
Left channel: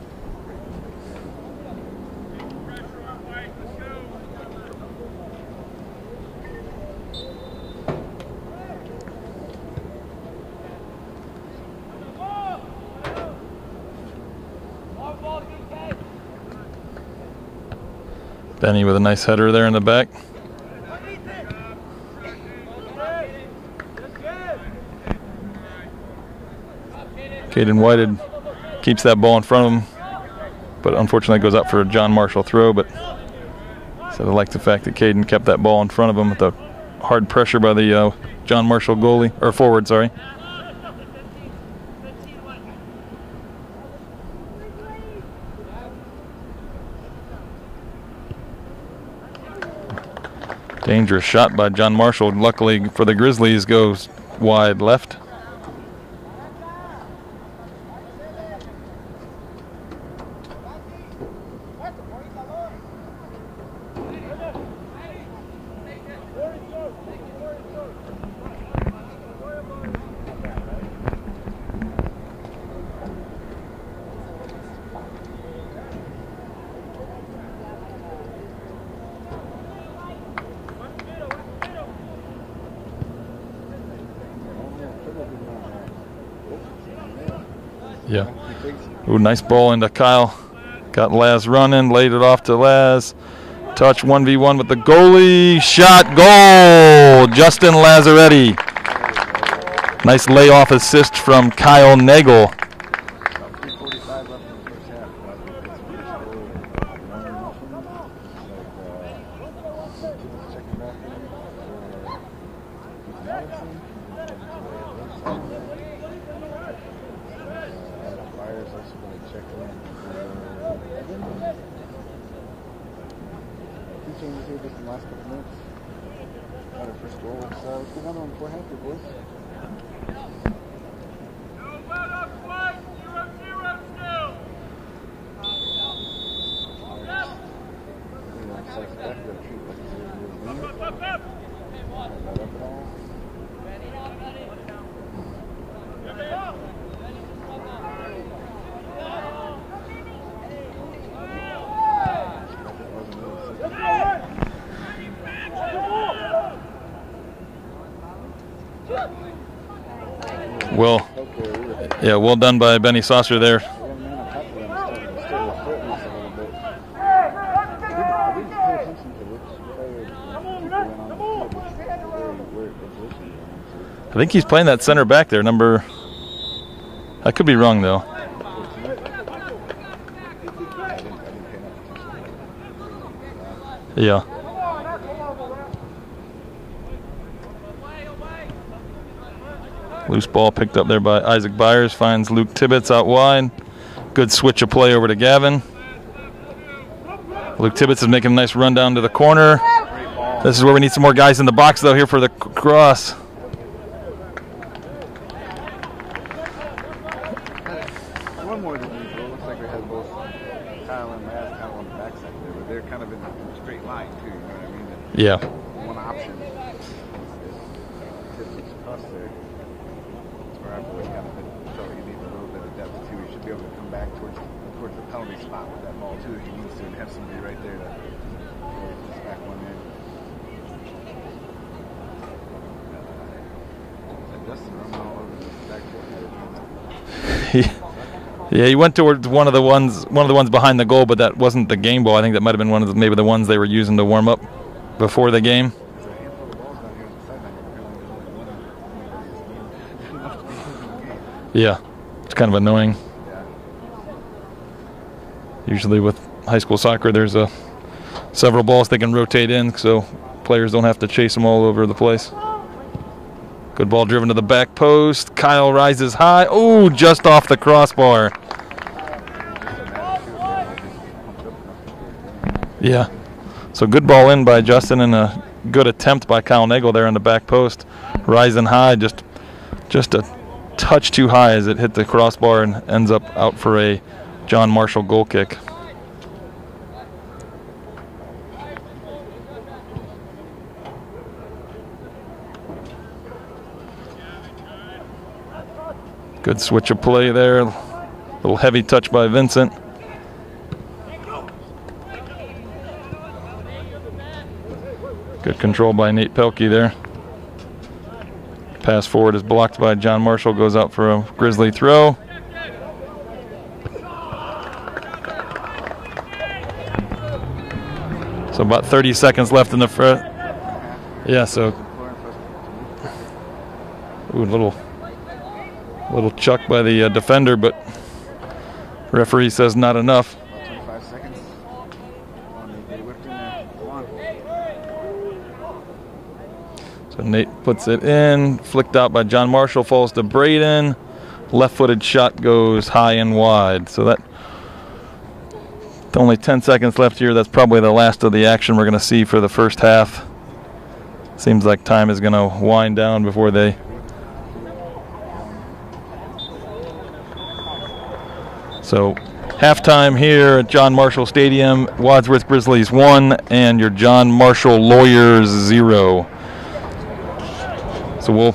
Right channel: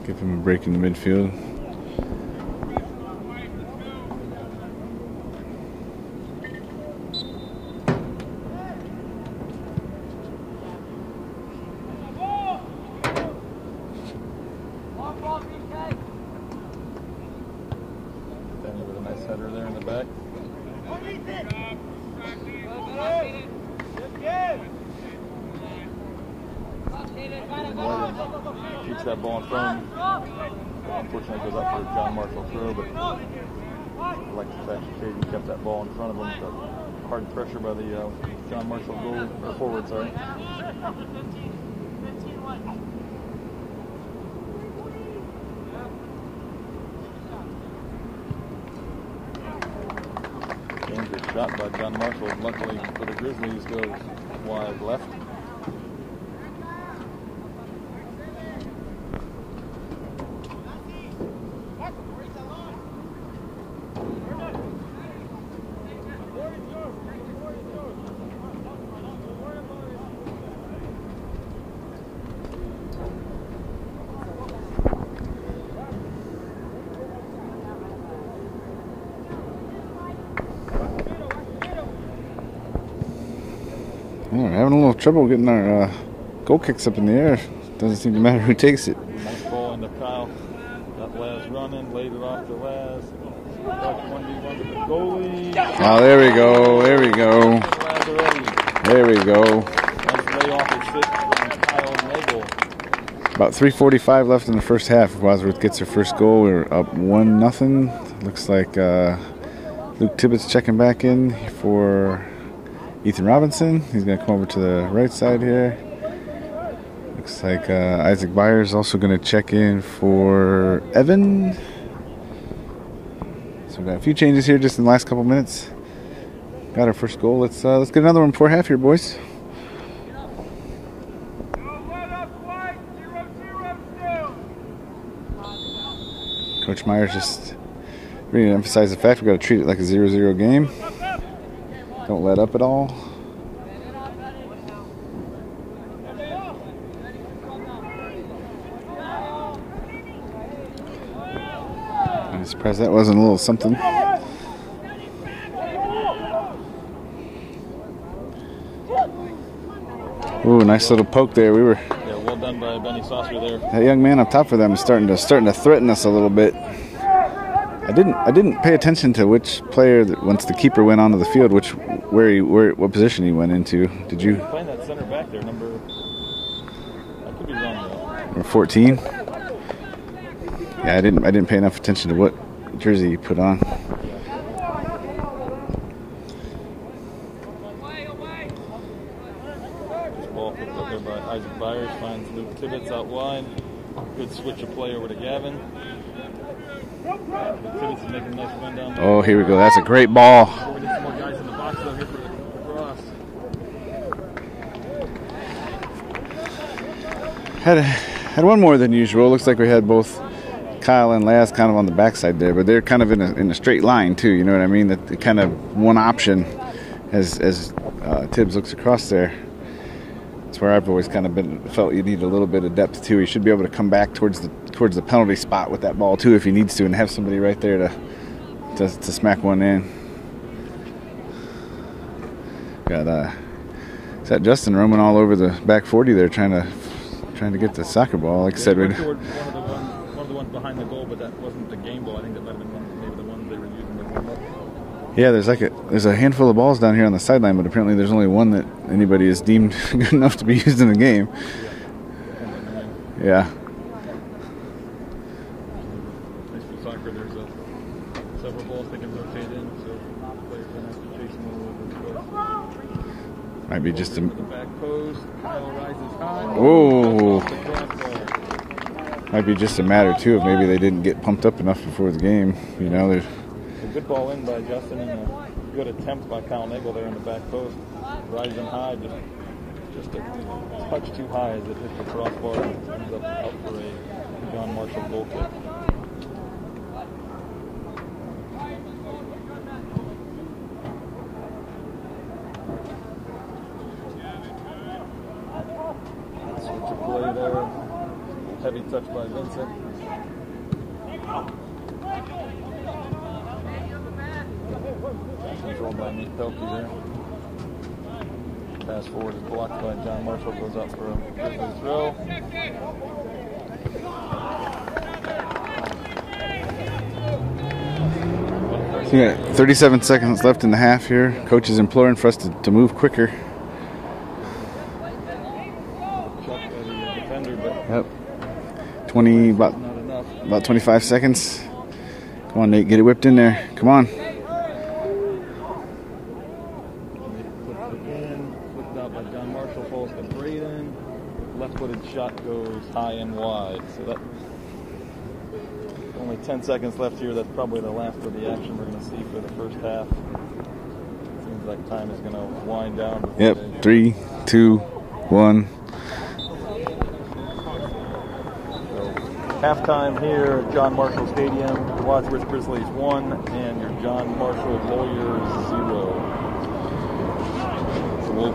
Give him a break in the midfield. Benny with a nice header there in the back. Caden Whited keeps that ball in front of him, but unfortunately goes out for a John Marshall throw. But so I like the fact that Caden kept that ball in front of him with the hard pressure by the John Marshall goalie, or forward, sorry. Dangerous shot by John Marshall. Luckily for the Grizzlies, goes wide left. We're having a little trouble getting our goal kicks up in the air. Doesn't seem to matter who takes it. Ooh, nice ball into Kyle. Got Laz running, laid it off to Laz. Touch 1v1 with the goalie. Shot, goal! Justin Lazzaretti. There we go. Nice layoff assist from Kyle Nagel. About 3:45 left in the first half. If Wadsworth gets their first goal, we're up 1-0. Looks like Luke Tibbetts checking back in for Ethan Robinson. He's going to come over to the right side here. Looks like Isaac Byers also going to check in for Evan. So we got a few changes here just in the last couple minutes. Got our first goal. Let's get another one before half here, boys. Coach Myers just really emphasize the fact we've got to treat it like a 0-0 game. Don't let up at all. I'm surprised that wasn't a little something. Ooh, nice little poke there. Yeah, well done by Benny Saucer there. That young man up top for them is starting to threaten us a little bit. I didn't pay attention to which player once the keeper went onto the field, what position he went into. I think he's playing that center back there, number. I could be wrong though. Number 14. Yeah, I didn't pay enough attention to what jersey he put on. Yeah. Loose ball picked up there by Isaac Byers, finds Luke Tibbetts out wide. Good switch of play over to Gavin. Luke Tibbetts is making a nice run down to the corner. That's a great ball. This is where we need some more guys in the box though here for the cross. Had one more than usual. Looks like we had both Kyle and Laz kind of on the backside there, but they're kind of in a straight line too. You know what I mean? That kind of one option as Tibbs looks across there. That's where I've always kind of felt you need a little bit of depth too. He should be able to come back towards the penalty spot with that ball too if he needs to, and have somebody right there to smack one in. Got is that Justin roaming all over the back 40 there trying to get the soccer ball. Like he went towards one of the ones behind the goal, but that wasn't the game ball. I think that might have been maybe the ones they were using to warm up before the game. There's a handful of balls down here on the sideline, but apparently there's only one that anybody is deemed good enough to be used in the game. Yeah, it's kind of annoying. Yeah. Usually with high school soccer, there's several balls they can rotate in, so players don't have to chase them all over the place. Good ball driven to the back post. Kyle rises high. Oh, just off the crossbar. Might be just a matter, too, of maybe they didn't get pumped up enough before the game. Yeah. So good ball in by Justin and a good attempt by Kyle Nagel there on the back post. Rising high, just a touch too high as it hit the crossbar and ends up out for a John Marshall goal kick. Good switch of play there. A little heavy touch by Vincent. Good control by Nate Pelkey there. Pass forward is blocked by John Marshall, goes out for a Grizzly throw. So about 30 seconds left. 37 seconds left in the half here. Yeah, Coach is imploring for us to move quicker. Ooh, little chuck by the defender, but referee says not enough. About 25 seconds. Come on, Nate, get it whipped in there. Come on. So Nate puts it in, flicked out by John Marshall, falls to Braden. Left-footed shot goes high and wide. So that only 10 seconds left here. That's probably the last of the action we're going to see for the first half. Seems like time is going to wind down before they. 3, 2, 1. So halftime here at John Marshall Stadium. Wadsworth Grizzlies 1 and your John Marshall Lawyers 0. So we'll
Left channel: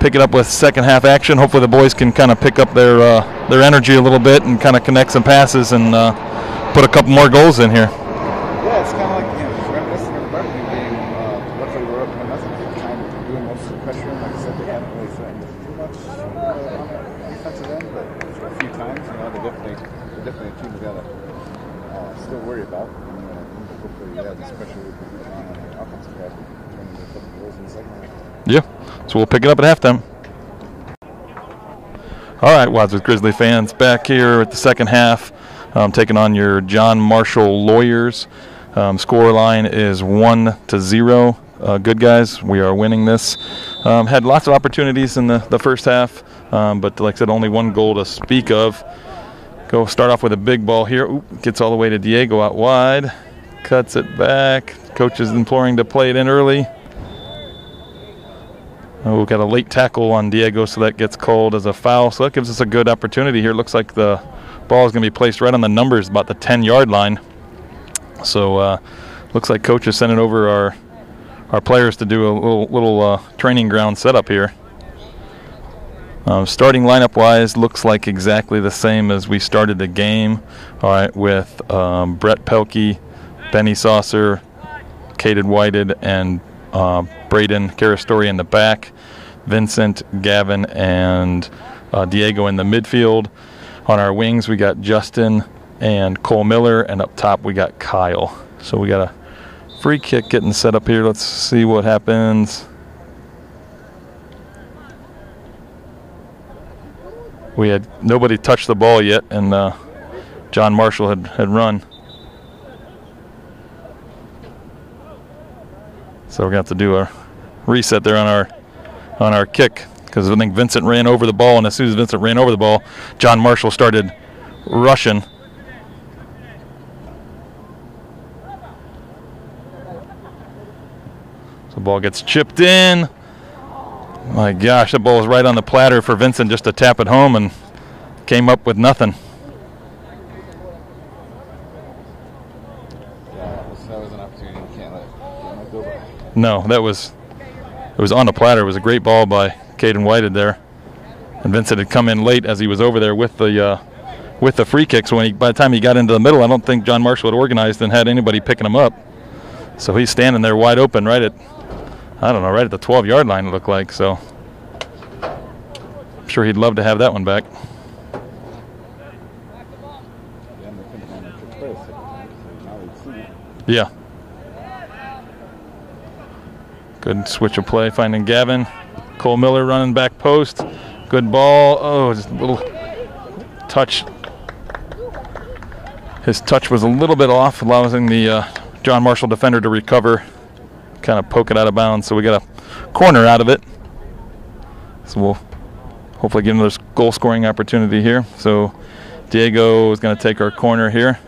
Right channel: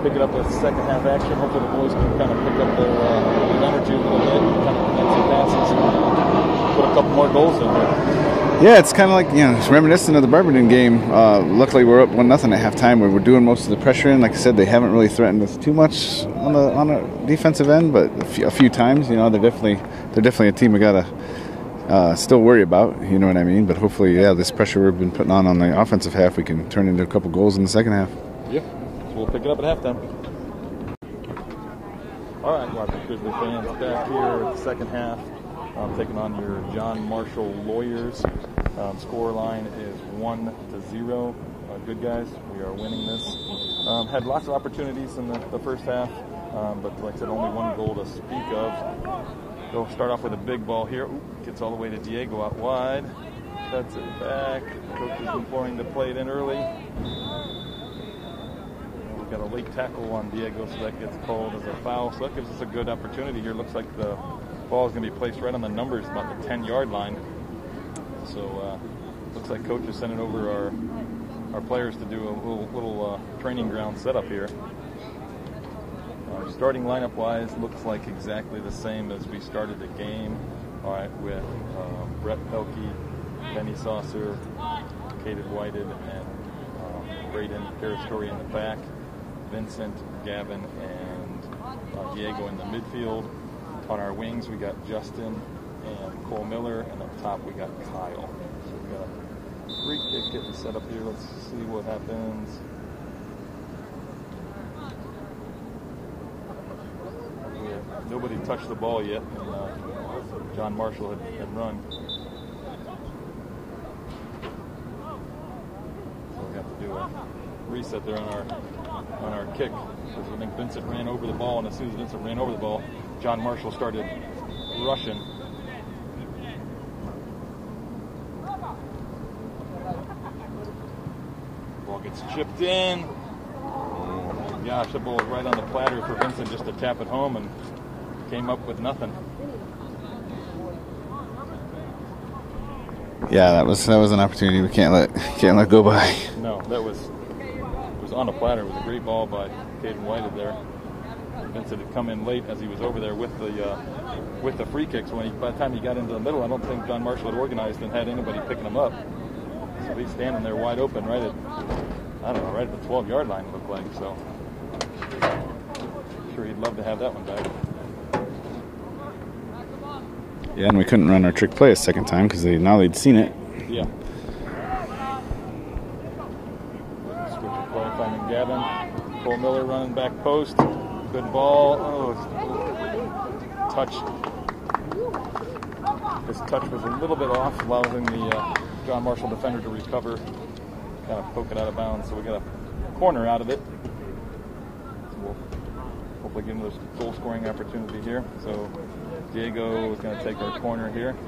pick it up with second half action. Hopefully the boys can kind of pick up their energy a little bit and kind of connect some passes and put a couple more goals in here. Yeah, it's kind of like, it's reminiscent of the Birmingham game. Luckily, we're up 1-0 at halftime. We're doing most of the pressure in. Like I said, they haven't really threatened with too much on the defensive end, but a few times, they're definitely a team we gotta still worry about. You know what I mean? But hopefully, this pressure we've been putting on the offensive half, we can turn into a couple goals in the second half. Yeah, so we'll pick it up at halftime. All right, Wadsworth Grizzly fans, back here at the second half. Taking on your John Marshall Lawyers. Score line is 1-0. Good guys, we are winning this. Had lots of opportunities in the first half, but like I said, only one goal to speak of. Go start off with a big ball here. Ooh, gets all the way to Diego out wide. Cuts it back. Coach is imploring to play it in early. Oh, we've got a late tackle on Diego, so that gets called as a foul. So that gives us a good opportunity here. Looks like the ball is going to be placed right on the numbers, about the 10-yard line. So looks like Coach is sending over our players to do a little training ground setup here. Starting lineup-wise, looks like exactly the same as we started the game. All right, with Brett Pelkey, Benny Saucer, Caden Whited, and Braden Carastori in the back. Vincent, Gavin, and Diego in the midfield. On our wings, we got Justin and Cole Miller, and up top we got Kyle. So we got a free kick getting set up here. Let's see what happens. We had nobody touched the ball yet, and John Marshall had run. So we're going to have to do a reset there on our kick, because I think Vincent ran over the ball, and as soon as Vincent ran over the ball, John Marshall started rushing. So the ball gets chipped in. My gosh, that ball was right on the platter for Vincent just to tap it home, and came up with nothing. Yeah, that was an opportunity we can't let go by. No, it was on the platter. It was a great ball by Caden Whited there, and Vincent had come in late as he was over there with the free kicks. By the time he got into the middle, I don't think John Marshall had organized and had anybody picking him up. So he's standing there wide open, right at the 12-yard line. It looked like. So I'm sure he'd love to have that one back. Yeah, and we couldn't run our trick play a second time because now they'd seen it. Yeah. Good switch of play, finding Gavin. Cole Miller running back post. Good ball. Oh, just a little touch. His touch was a little bit off, allowing the John Marshall defender to recover, kind of poke it out of bounds. So we got a corner out of it. So we'll hopefully get another goal-scoring opportunity here. So Diego is going to take our corner here.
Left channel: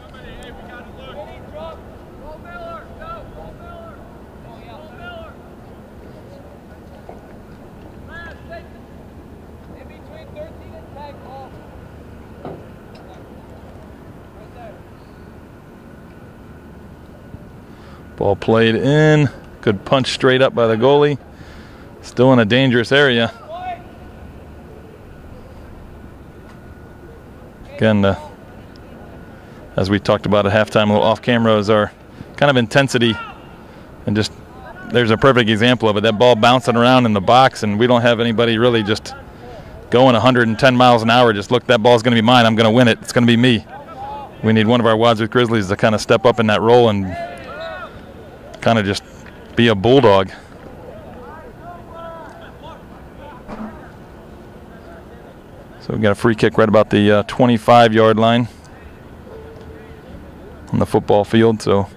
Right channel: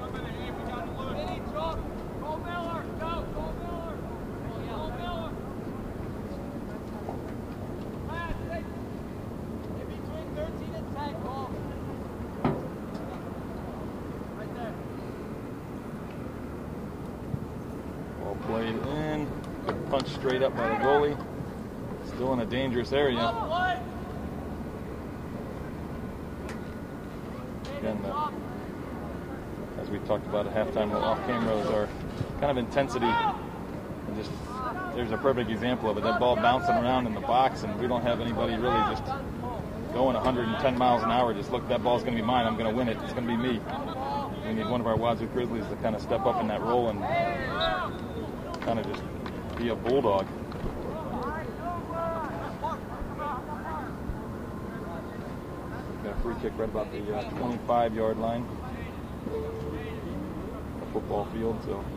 Ball played in. Good punch straight up by the goalie. Still in a dangerous area. Again, as we talked about at halftime, a little off camera, is our kind of intensity. And just, there's a perfect example of it. That ball bouncing around in the box, and we don't have anybody really just going 110 miles an hour. Just look, that ball's going to be mine. I'm going to win it. It's going to be me. We need one of our Wadsworth Grizzlies to kind of step up in that role and kind of just be a bulldog. So we've got a free kick right about the 25-yard line on the football field, so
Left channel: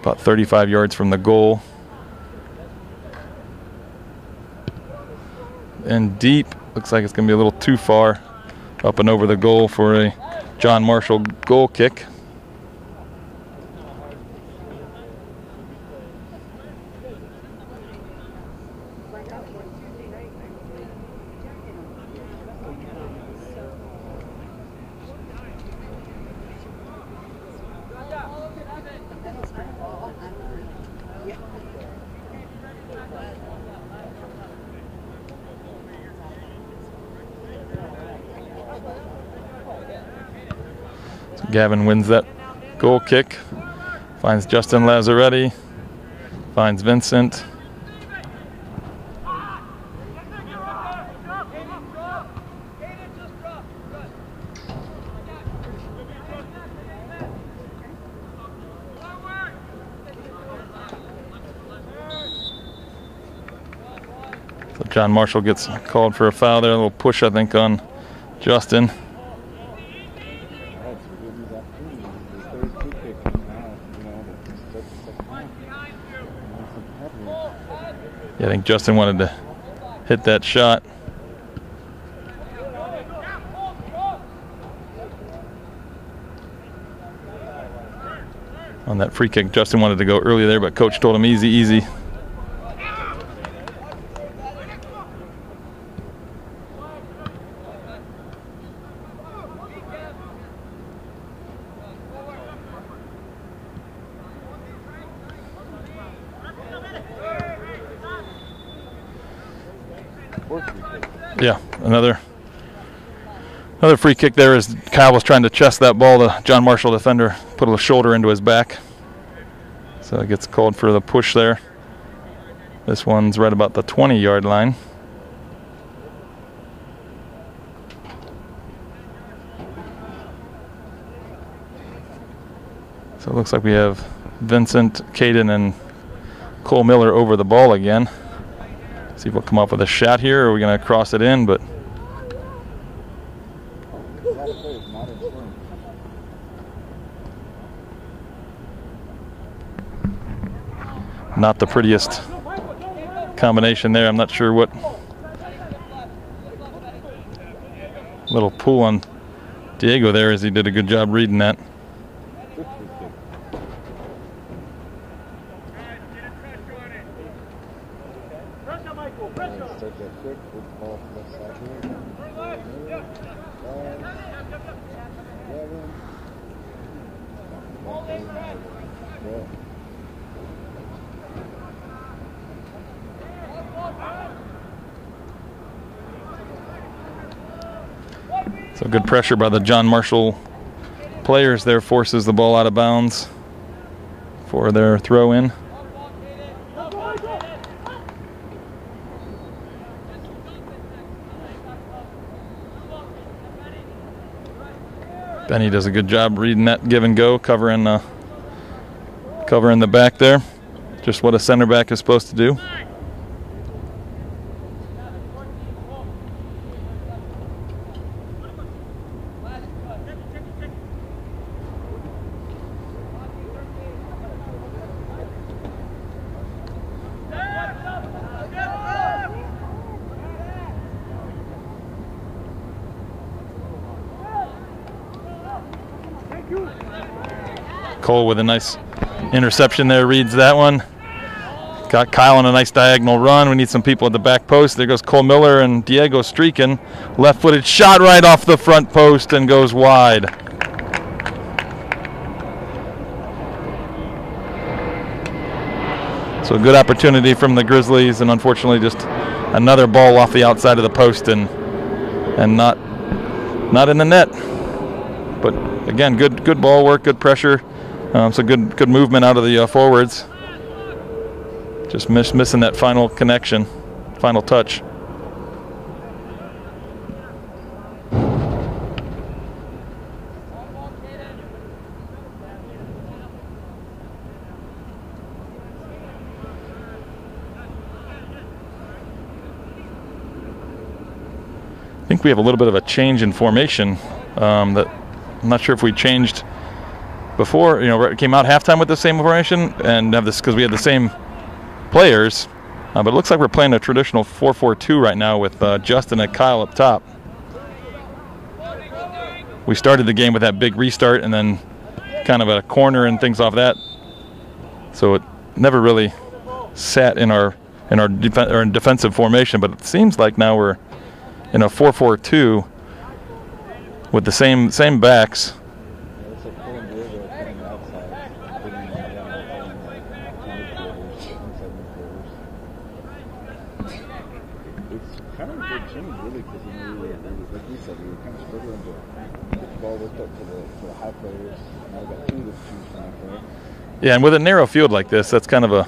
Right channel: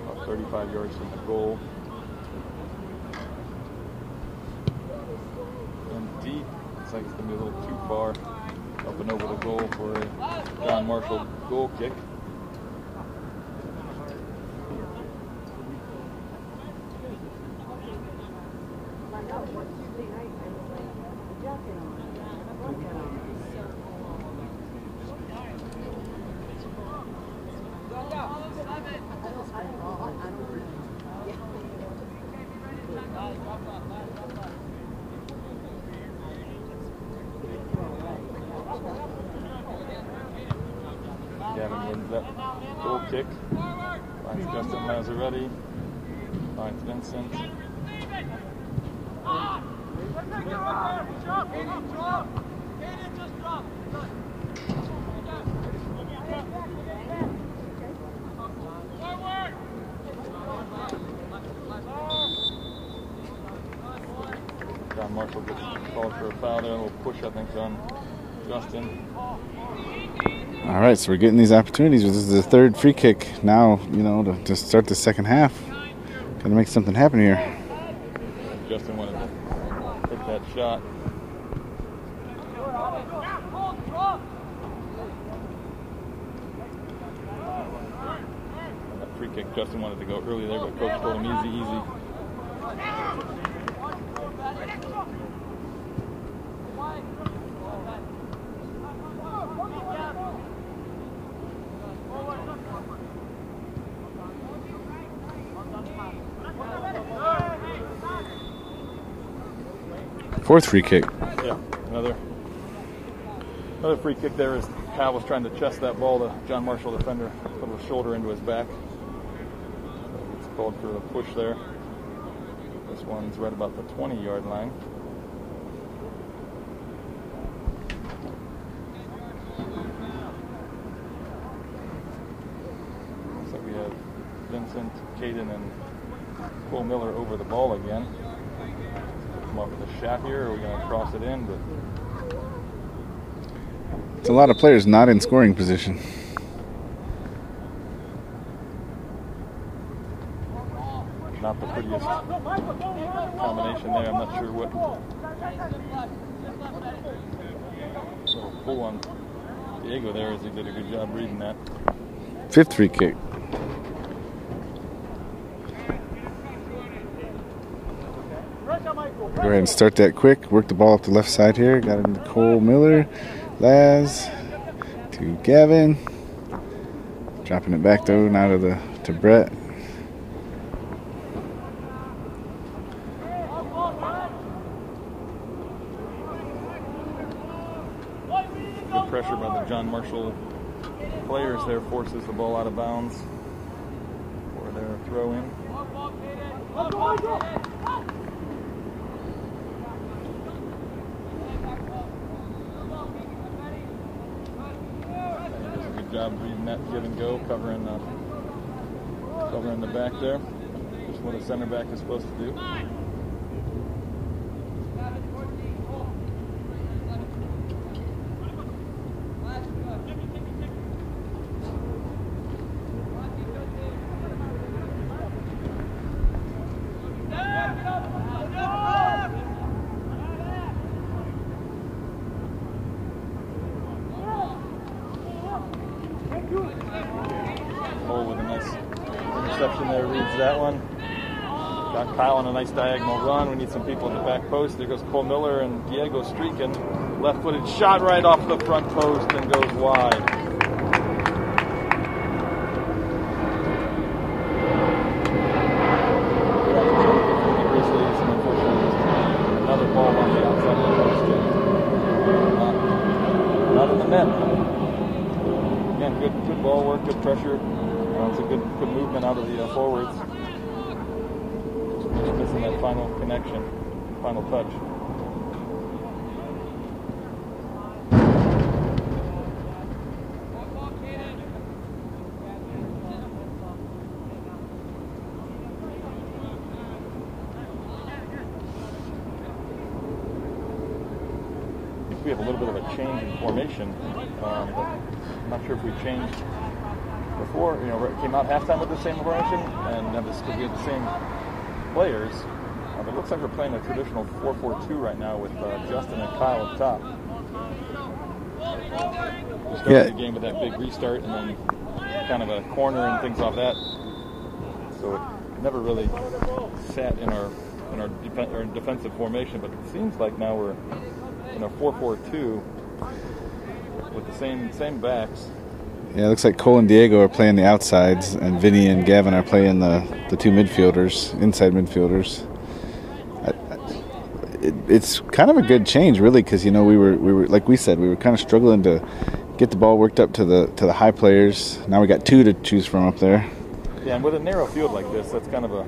about 35 yards from the goal. And deep, looks like it's going to be a little too far up and over the goal for a John Marshall goal kick. Gavin wins that goal kick, finds Justin Lazzaretti, finds Vincent. So John Marshall gets called for a foul there, a little push I think on Justin. All right, so we're getting these opportunities. This is the third free kick now, to start the second half. Got to make something happen here. Yeah, I think Justin wanted to hit that shot. On that free kick, Justin wanted to go early there, but coach told him easy, easy. Fourth free kick. Yeah, another free kick there as Kyle was trying to chest that ball. The John Marshall defender put a shoulder into his back. So it gets called for the push there. This one's right about the 20-yard line. So it looks like we have Vincent, Caden, and Cole Miller over the ball again. See if we'll come up with a shot here, or are we going to cross it in? But it's a lot of players not in scoring position. Not the prettiest combination there. I'm not sure what little pull on Diego there, as he did a good job reading that. 5th free kick. Go ahead and start that quick. Work the ball up the left side here. Got him to Cole Miller. Laz to Gavin. Dropping it back though now to Brett. So good pressure by the John Marshall players there, forces the ball out of bounds for their throw in. Benny does a good job reading that give and go, covering the back there. Just what a center back is supposed to do. Cole with a nice interception there, reads that one. Got Kyle on a nice diagonal run. We need some people at the back post. There goes Cole Miller and Diego streaking. Left-footed shot right off the front post and goes wide. So a good opportunity from the Grizzlies, and unfortunately just another ball off the outside of the post and not in the net. But again, good ball work, good pressure. So good movement out of the forwards. Just missing that final connection, final touch. I think we have a little bit of a change in formation that I'm not sure if we changed before. You know, it came out halftime with the same formation and have this because we had the same players, but it looks like we're playing a traditional 4-4-2 right now with Justin and Kyle up top. We started the game with that big restart and then kind of a corner and things off that, so it never really sat in our defensive formation. But it seems like now we're in a 4-4-2 with the same backs. Yeah, it looks like Cole and Diego are playing the outsides, and Vinny and Gavin are playing the two midfielders, inside midfielders. It's kind of a good change, really, because we were like we said, we were kind of struggling to get the ball worked up to the high players. Now we got two to choose from up there. Yeah, and with a narrow field like this, that's kind of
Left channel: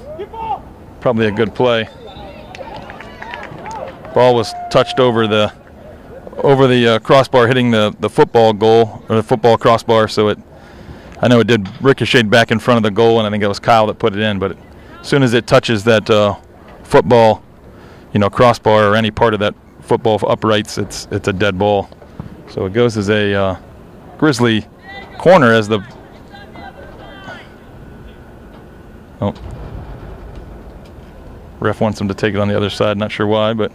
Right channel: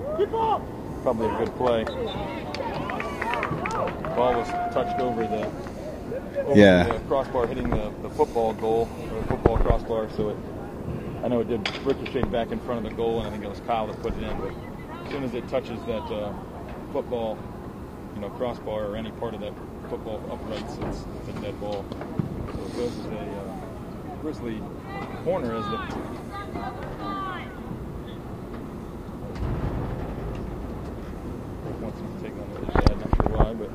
probably a good play. Ball was touched over the crossbar, hitting the football goal or the football crossbar. So I know it did ricochet back in front of the goal, and I think it was Kyle that put it in. But as soon as it touches that football, crossbar or any part of that football uprights, it's a dead ball. So it goes as a Grizzly corner as the ref wants him to take it on the other side. Not sure why, but.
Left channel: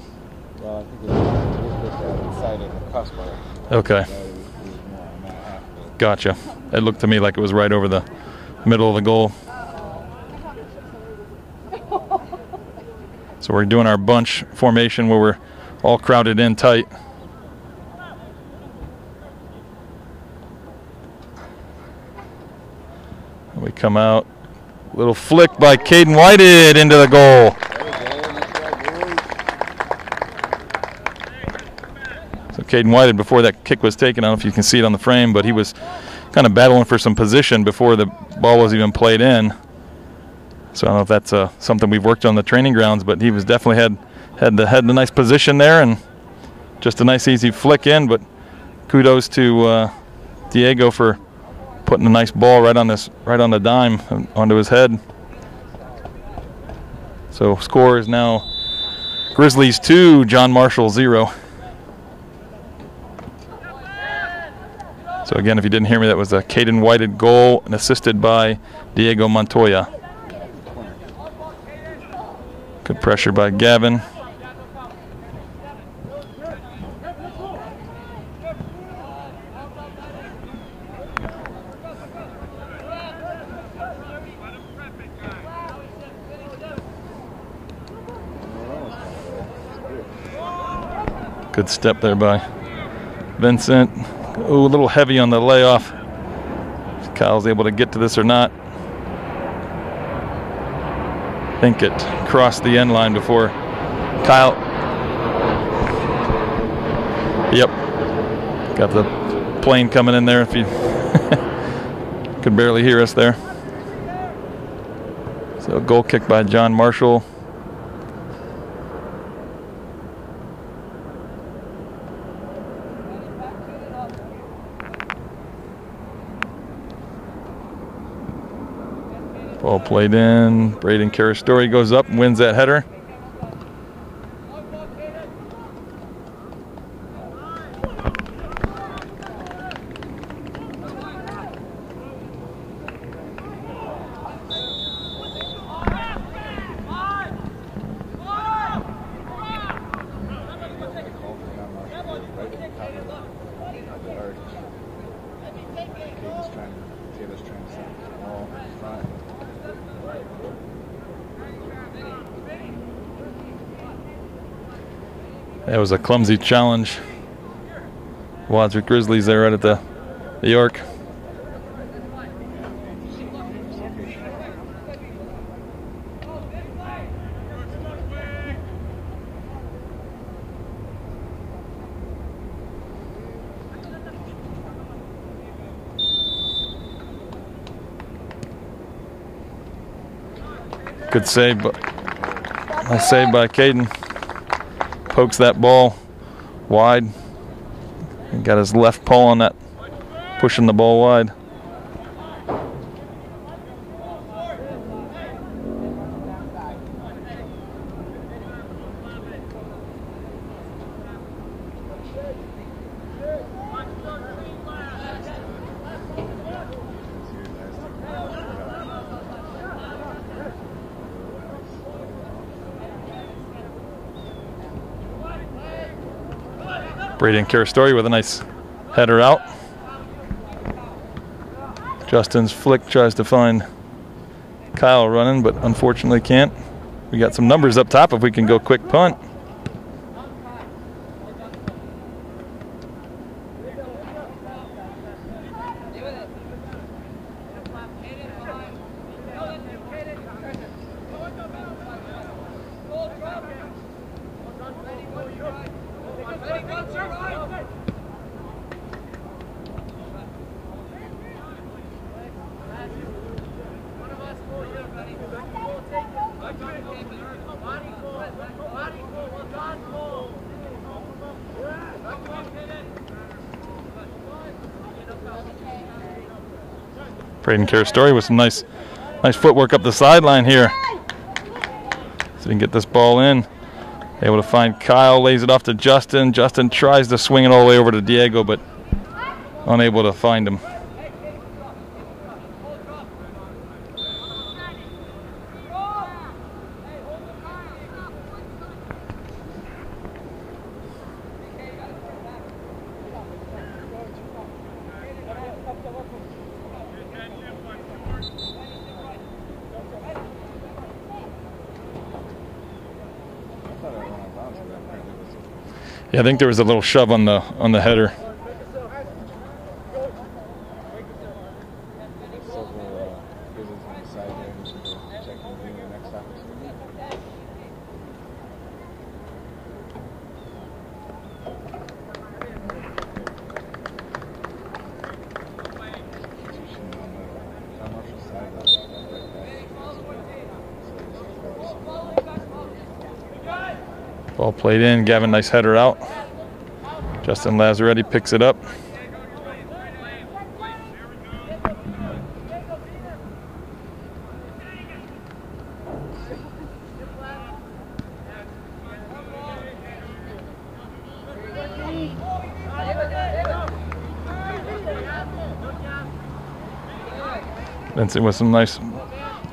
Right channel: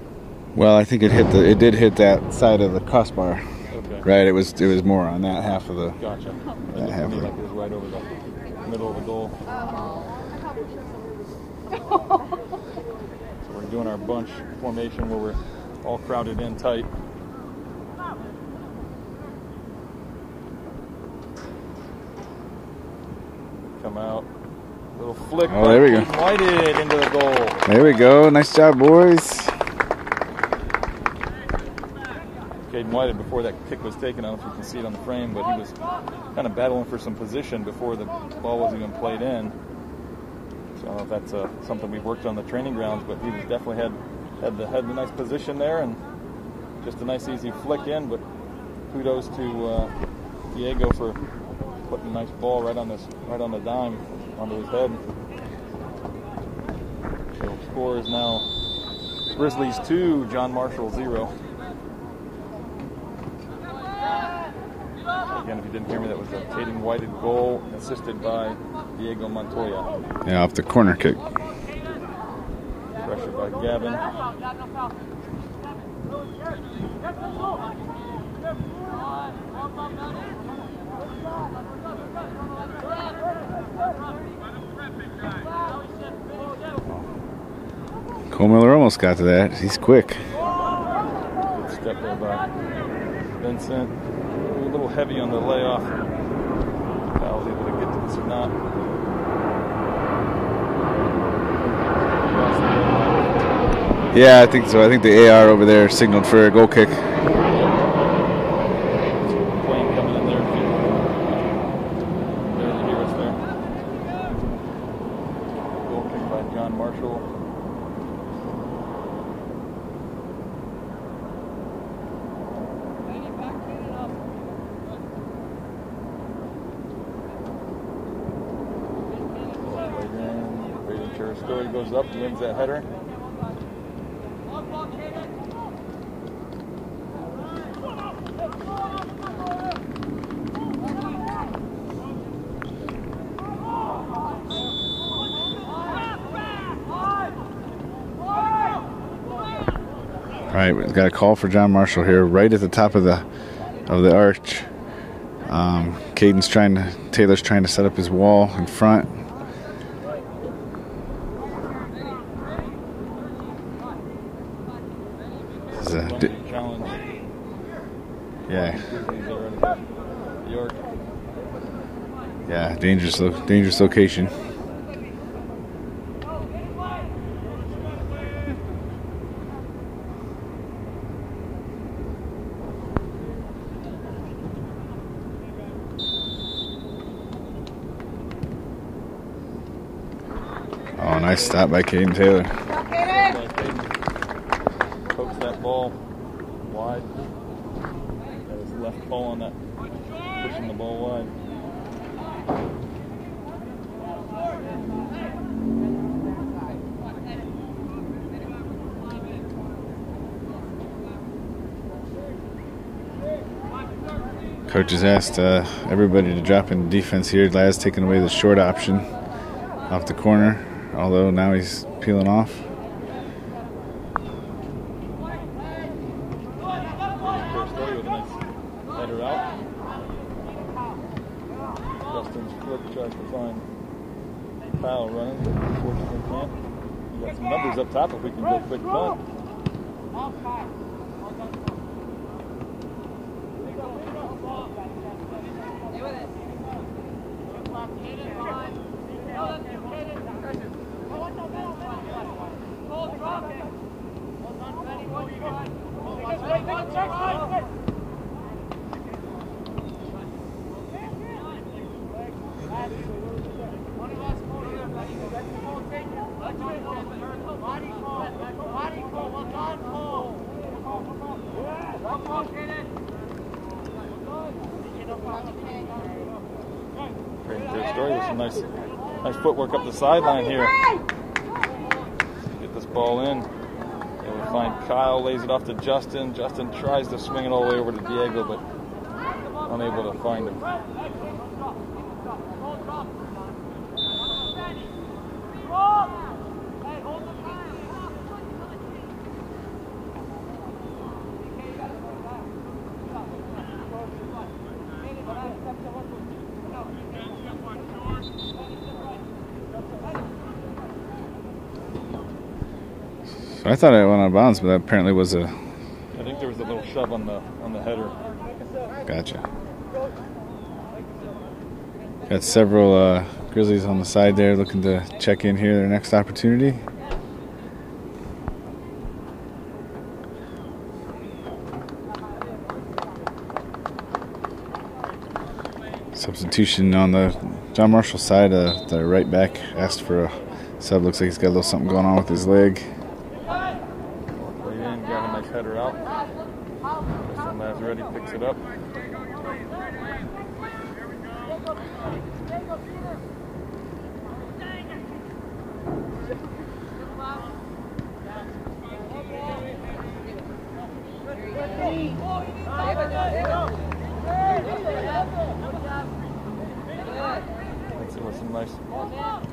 Well, I think it did hit that side of the crossbar. Okay. Right, it was more on that half of the. Gotcha. It looked to me like it was right over the middle of the goal. So we're doing our bunch formation where we're all crowded in tight. We come out. Little flick by Caden Whited into the goal. There we go. Nice job, boys. Caden Whited, before that kick was taken, I don't know if you can see it on the frame, but he was kind of battling for some position before the ball was even played in. So I don't know if that's something we've worked on the training grounds, but he was definitely had the nice position there, and just a nice easy flick in. But kudos to Diego for putting a nice ball right on the dime onto his head. So score is now Grizzlies 2, John Marshall 0. So again, if you didn't hear me, that was a Caden Whited goal and assisted by Diego Montoya. Yeah, off the corner kick. Good pressure by Gavin. Cole Miller almost got to that. He's quick. Good step there by Vincent. Ooh, a little heavy on the layoff. If Kyle's able to get to this or not. I think it crossed the end line before. Yeah, Kyle. I think so. I think the AR over there signaled for a goal kick. Yep. Got the plane coming in there if you could barely hear us there. So goal kick by John Marshall. Ball played in. Braden Carastori goes up and wins that header. All right, we've got a call for John Marshall here, right at the top of the arch. Taylor's trying to set up his wall in front. That was a clumsy challenge. Wadsworth Grizzlies there right at the York. Yeah, dangerous location. Good nice save stop by Caden Taylor. Nice save by Caden. Pokes that ball wide. He got his left paw on that, pushing the ball wide. Coach has asked everybody to drop in defense here. Laz taking away the short option off the corner, although now he's peeling off. Braden Carastori with a nice header out. Justin's flick tries to find Kyle running, but unfortunately can't. We got some numbers up top if we can go quick punt. Braden Carastori with some nice footwork up the sideline here. So he can get this ball in. Able to find Kyle, lays it off to Justin. Justin tries to swing it all the way over to Diego, but unable to find him. I thought it went out of bounds, but that apparently was a... Yeah, I think there was a little shove on the header. Gotcha. Got several Grizzlies on the side there looking to check in here their next opportunity. Substitution on the John Marshall side. The right back asked for Sub looks like he's got a little something going on with his leg. Ball played in. Gavin, nice header out. Justin Lazzaretti picks it up. Vincent with some nice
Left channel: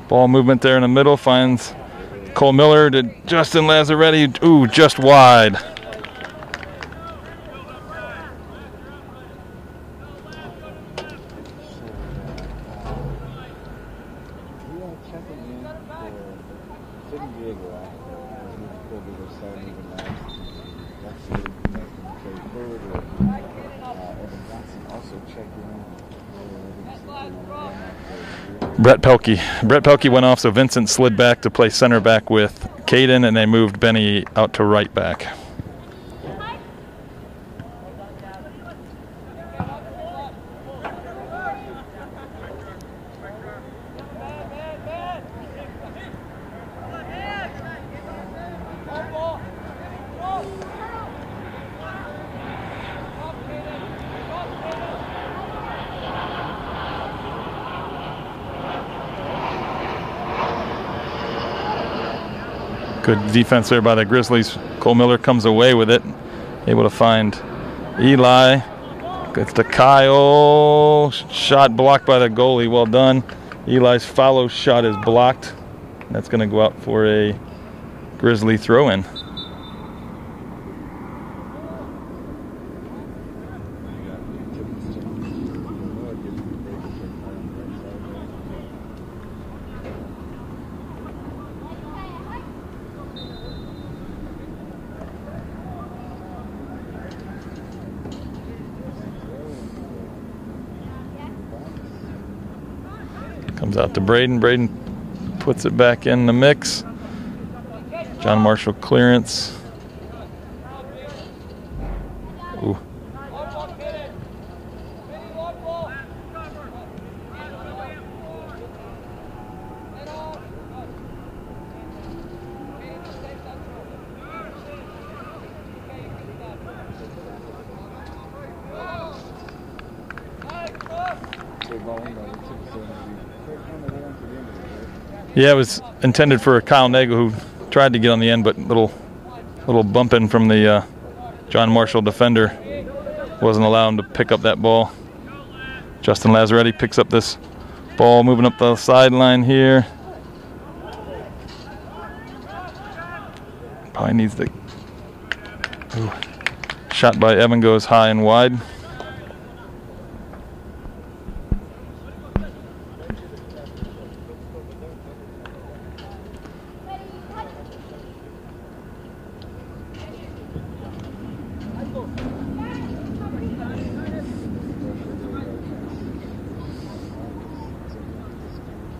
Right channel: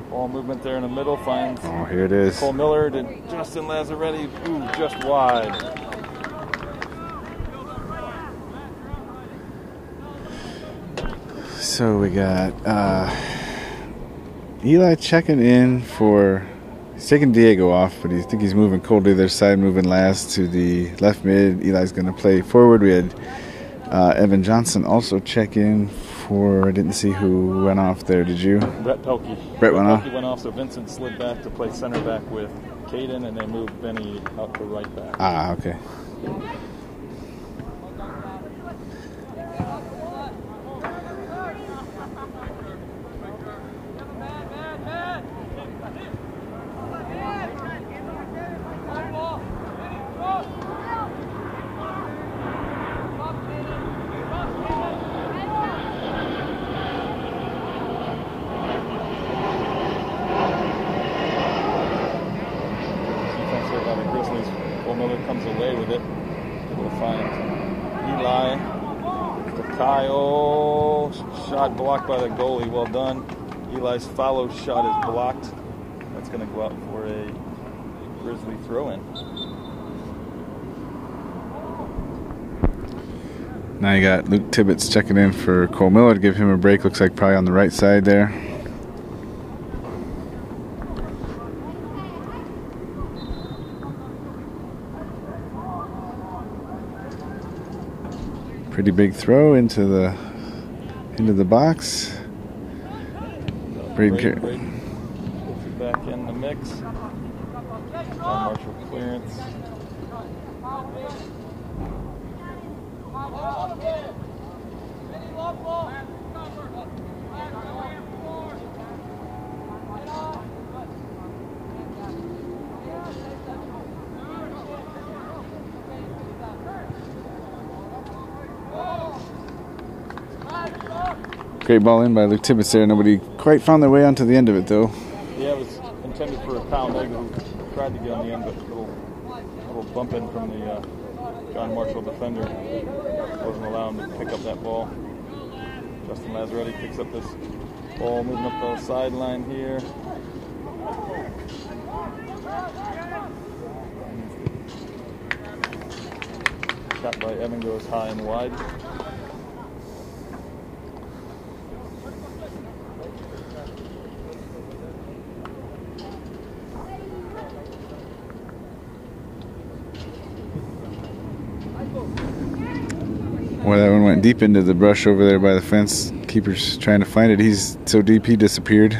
ball movement there in the middle, finds Here it is. Cole Miller to Justin Lazzaretti. Ooh, just wide. So we got Eli checking in for, he's taking Diego off, but I think he's moving Cole to the other side, moving Laz to the left mid. Eli's going to play forward. We had Evan Johnson also check in for, I didn't see who went off there, did you? Brett Pelkey. Brett Pelkey off. went off, so Vincent slid back to play center back with Caden, and they moved Benny out to right back. Ah, okay. Good defense there by the Grizzlies. Cole Miller comes away with it, able to find Eli. Gets to Kyle. Shot blocked by the goalie. Well done. Eli's follow shot is blocked. That's going to go out for a Grizzly throw-in. Now you got Luke Tibbetts checking in for Cole Miller to give him a break. Looks like probably on the right side there. Pretty big throw into the box. Comes out to Braden. Braden puts it back in the mix. John Marshall clearance. Ooh. Great ball in by Luke Tibbetts there. Nobody quite found their way onto the end of it, though. Yeah, it was intended for Kyle Nagel, who tried to get on the end, but little bumping from the John Marshall defender wasn't allowing him to pick up that ball. Justin Lazzaretti picks up this ball, moving up the sideline here. Probably needs the shot by Evan goes high and wide. Well, that one went deep into the brush over there by the fence. Keeper's trying to find it. He's so deep he disappeared.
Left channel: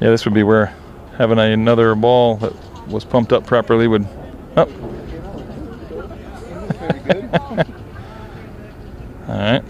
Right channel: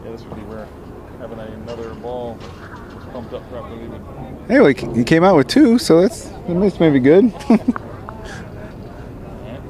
Yeah, this would be where having another ball that was pumped up properly would. Yeah, well, he came out with two, so that's maybe good. All right.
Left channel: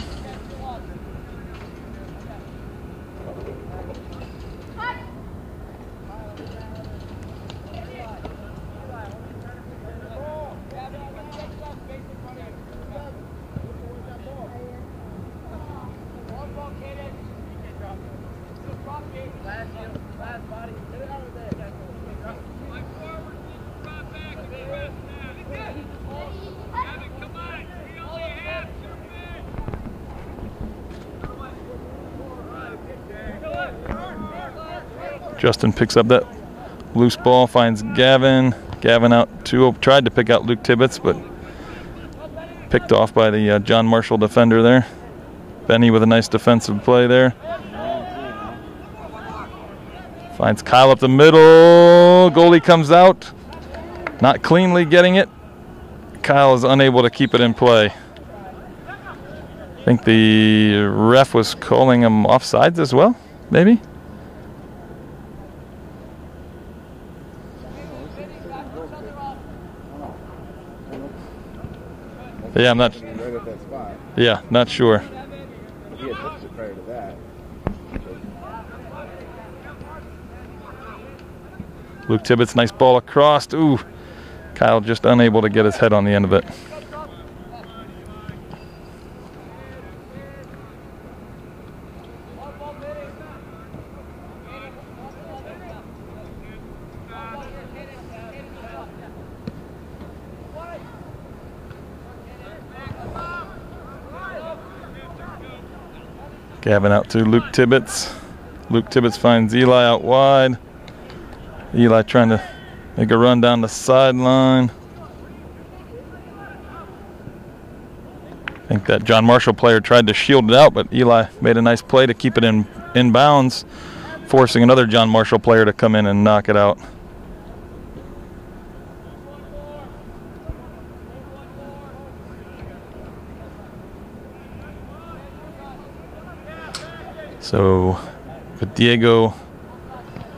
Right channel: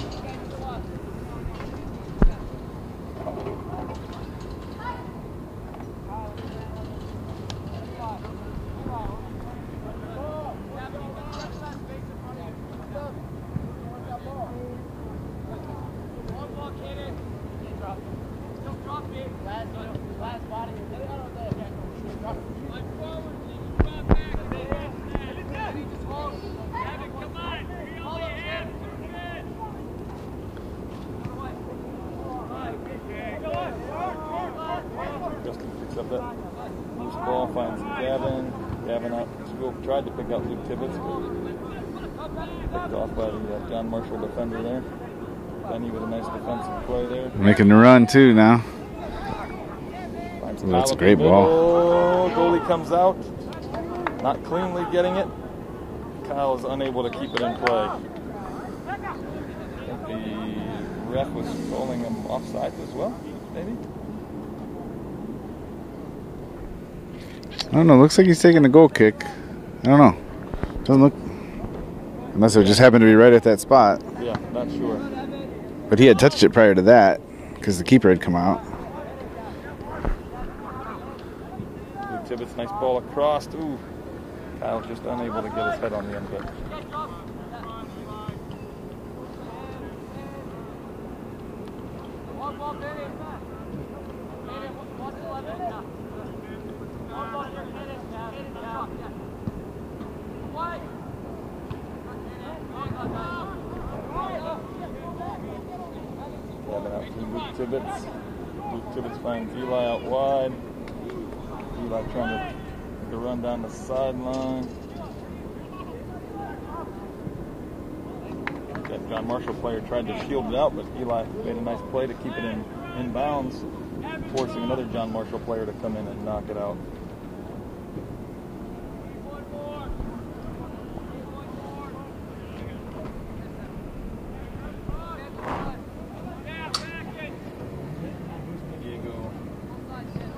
Justin picks up that loose ball, finds Gavin. Gavin out tried to pick out Luke Tibbetts, but picked off by the John Marshall defender there. Benny with a nice defensive play there. Making the run too now. Finds Kyle up the middle. Goalie comes out. Not cleanly getting it. Kyle is unable to keep it in play. I think the ref was calling him offsides as well, maybe? I don't know. Looks like he's taking a goal kick. I don't know. Doesn't look. Unless it just happened to be right at that spot. Yeah, not sure. But he had touched it prior to that because the keeper had come out. Luke Tibbetts, nice ball across. Ooh, Kyle just unable to get his head on the end of it. Gavin out to Luke Tibbetts. Luke Tibbetts finds Eli out wide. Eli trying to make a run down the sideline. I think that John Marshall player tried to shield it out, but Eli made a nice play to keep it in bounds, forcing another John Marshall player to come in and knock it out. So with Diego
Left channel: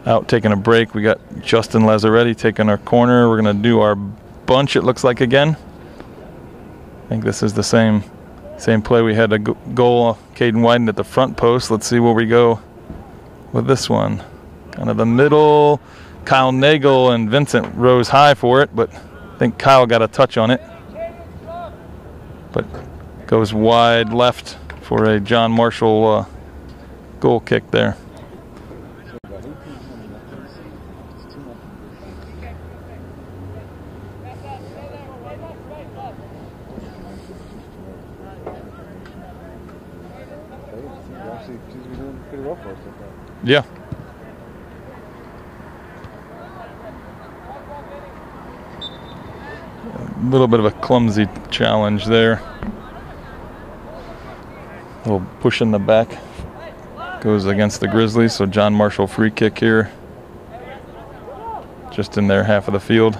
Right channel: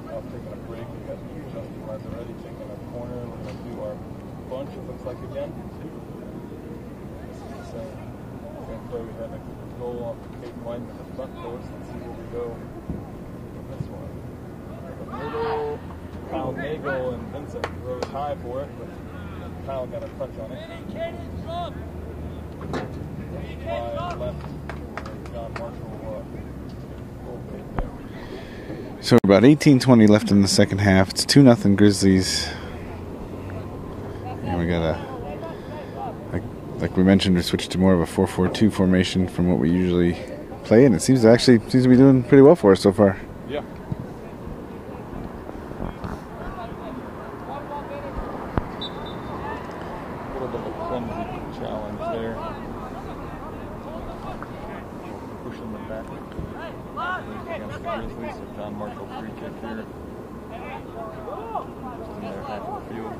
out taking a break, we got Justin Lazzaretti taking our corner. We're going to do our bunch, it looks like, again. I think this is the same play. We had a goal, Caden Wyden at the front post. Let's see where we go with this one. Kind of the middle. Kyle Nagel and Vincent rose high for it, but I think Kyle got a touch on it. But goes wide left for a John Marshall goal kick there. So about 18-20 left in the second half. It's 2-0 Grizzlies. And we got a, like we mentioned, we switched to more of a 4-4-2 formation from what we usually play, and it seems to be doing pretty well for us so far. Yeah. A little bit of a clumsy challenge there. A little push in the back. Goes against the Grizzlies, so John Marshall free kick here. Just in their half of the field.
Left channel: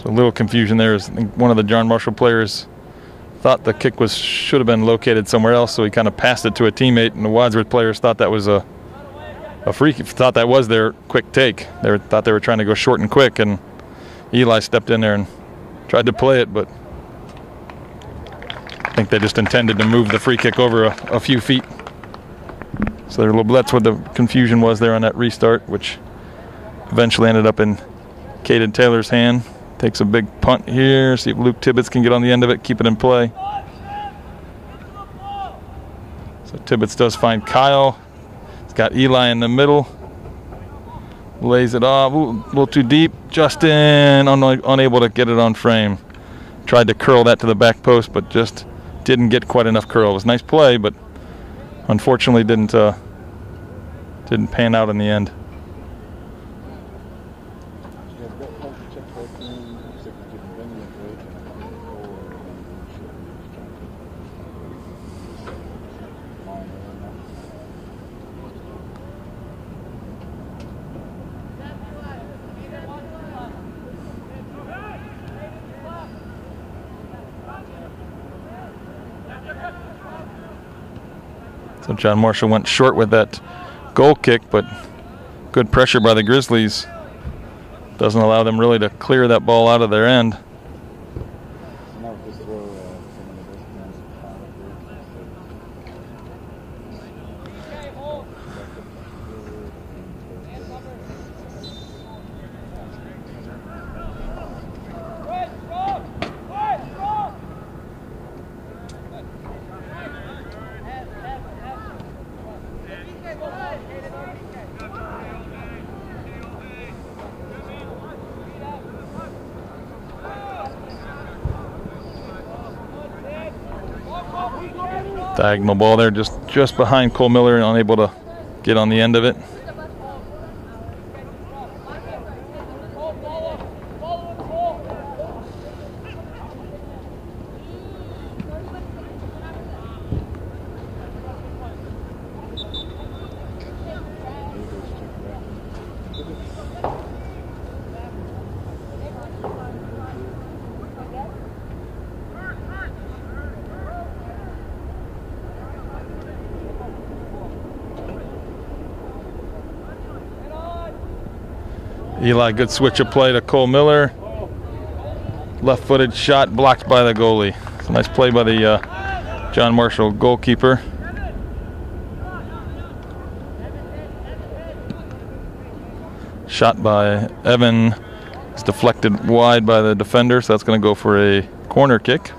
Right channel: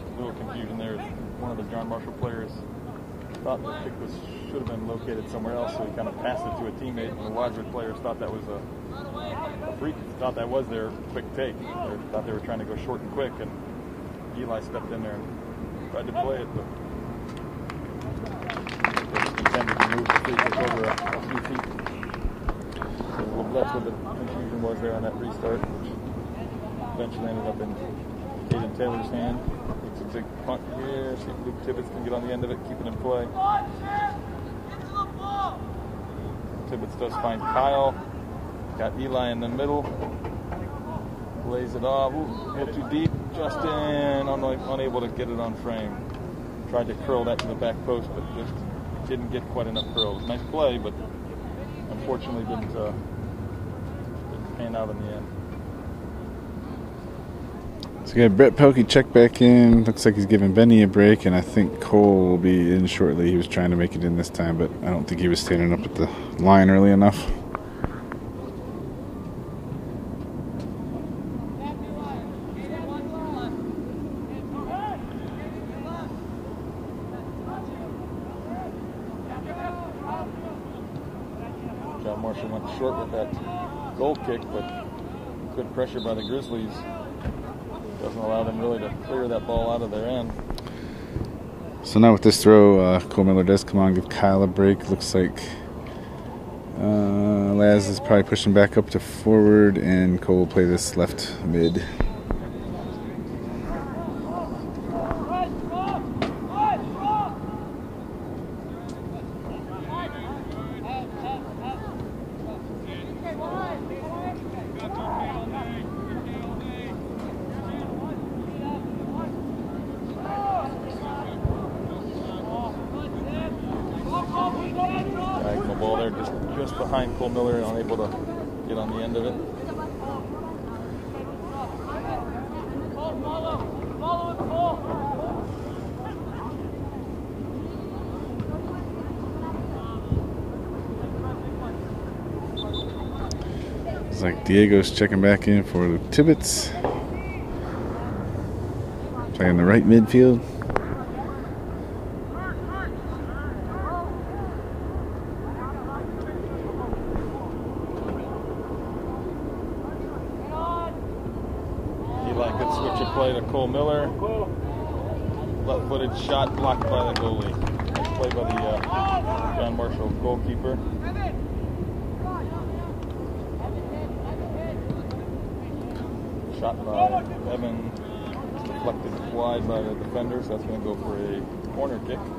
So a little confusion there. I think one of the John Marshall players thought the kick should have been located somewhere else, so he kind of passed it to a teammate, and the Wadsworth players thought that was a free kick, thought that was their quick take. They thought they were trying to go short and quick, and Eli stepped in there and tried to play it, but I think they just intended to move the free kick over a few feet. So that's what the confusion was there on that restart, which eventually ended up in Caden Taylor's hand. Takes a big punt here. See if Luke Tibbetts can get on the end of it, keep it in play. So Tibbetts does find Kyle. He's got Eli in the middle. Lays it off. Ooh, a little too deep. Justin unable to get it on frame. Tried to curl that to the back post, but just didn't get quite enough curl. It was a nice play, but unfortunately didn't pan out in the end. So we got Brett Pokey check back in. Looks like he's giving Benny a break, and I think Cole will be in shortly. He was trying to make it in this time, but I don't think he was standing up at the line early enough. So John Marshall went short with that goal kick, but good pressure by the Grizzlies. Doesn't allow them really to clear that ball out of their end. So now with this throw, Cole Miller does come on, give Kyle a break. Looks like Laz is probably pushing back up to forward, and Cole will play this left mid. Diagonal ball there, just behind Cole Miller, and unable to get on the end of it. It's like Diego's checking back in for the Tibbetts. Playing the right midfield. Eli, good switch of play to Cole Miller. Left-footed shot blocked by the goalie. Nice play by the John Marshall goalkeeper. Shot by Evan. It's deflected wide by the defender, so that's going to go for a corner kick.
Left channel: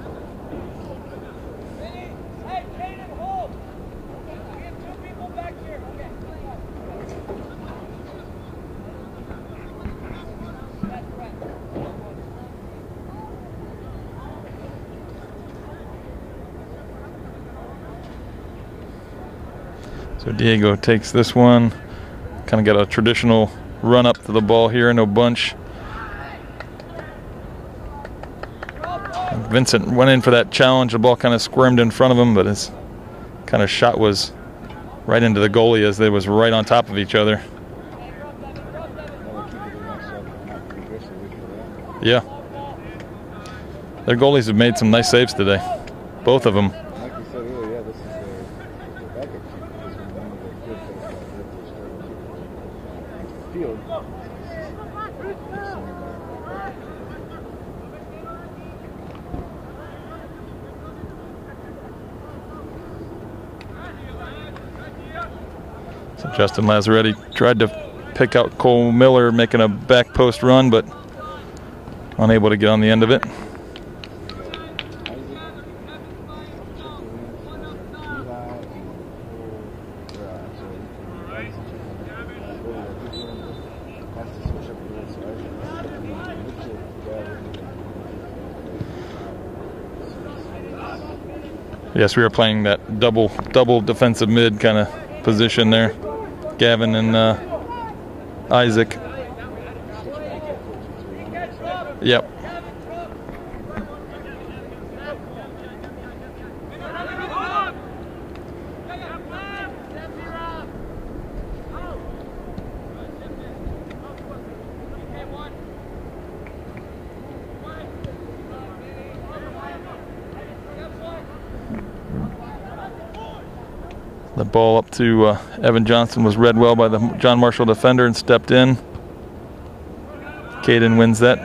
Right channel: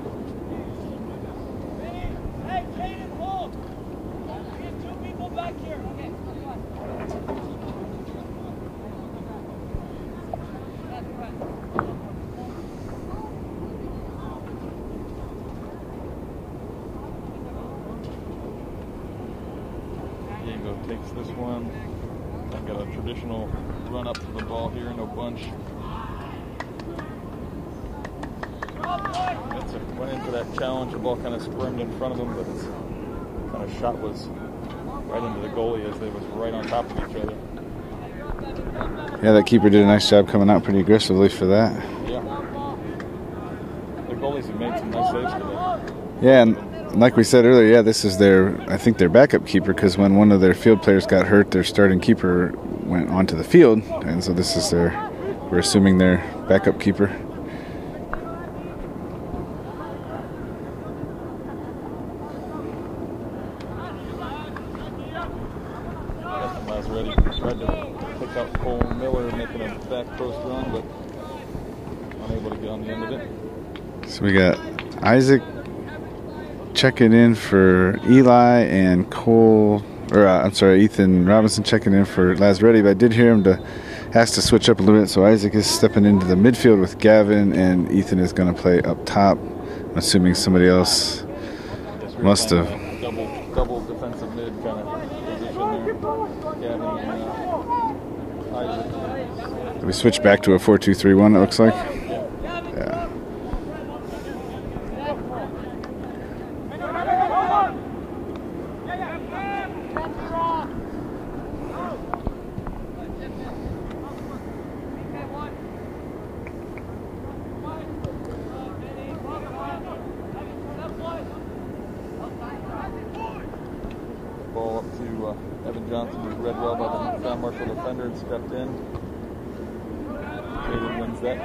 So Diego takes this one. Kind of got a traditional run up to the ball here, no bunch. Vincent went in for that challenge. The ball kind of squirmed in front of him, but his kind of shot was right into the goalie as they was right on top of each other. Yeah, that keeper did a nice job coming out pretty aggressively for that. Yeah. Their goalies have made some nice saves today. Yeah, both of them. Like we said earlier, yeah, this is I think their backup keeper, because when one of their field players got hurt, their starting keeper went onto the field, and so this is we're assuming their backup keeper. So Justin Lazaretti tried to pick out Cole Miller, making a back post run, but unable to get on the end of it. So we got Isaac checking in for Eli and Ethan Robinson checking in for Lazaretti, but I did hear him ask to switch up a little bit, so Isaac is stepping into the midfield with Gavin, and Ethan is going to play up top, assuming somebody else. Yes, we were playing that double defensive mid kind of position there. Gavin and Isaac. We switched back to a 4-2-3-1, it looks like. Yep. Yeah. The ball up to Evan Johnson was read well by the John Marshall defender and stepped in. Caden wins that.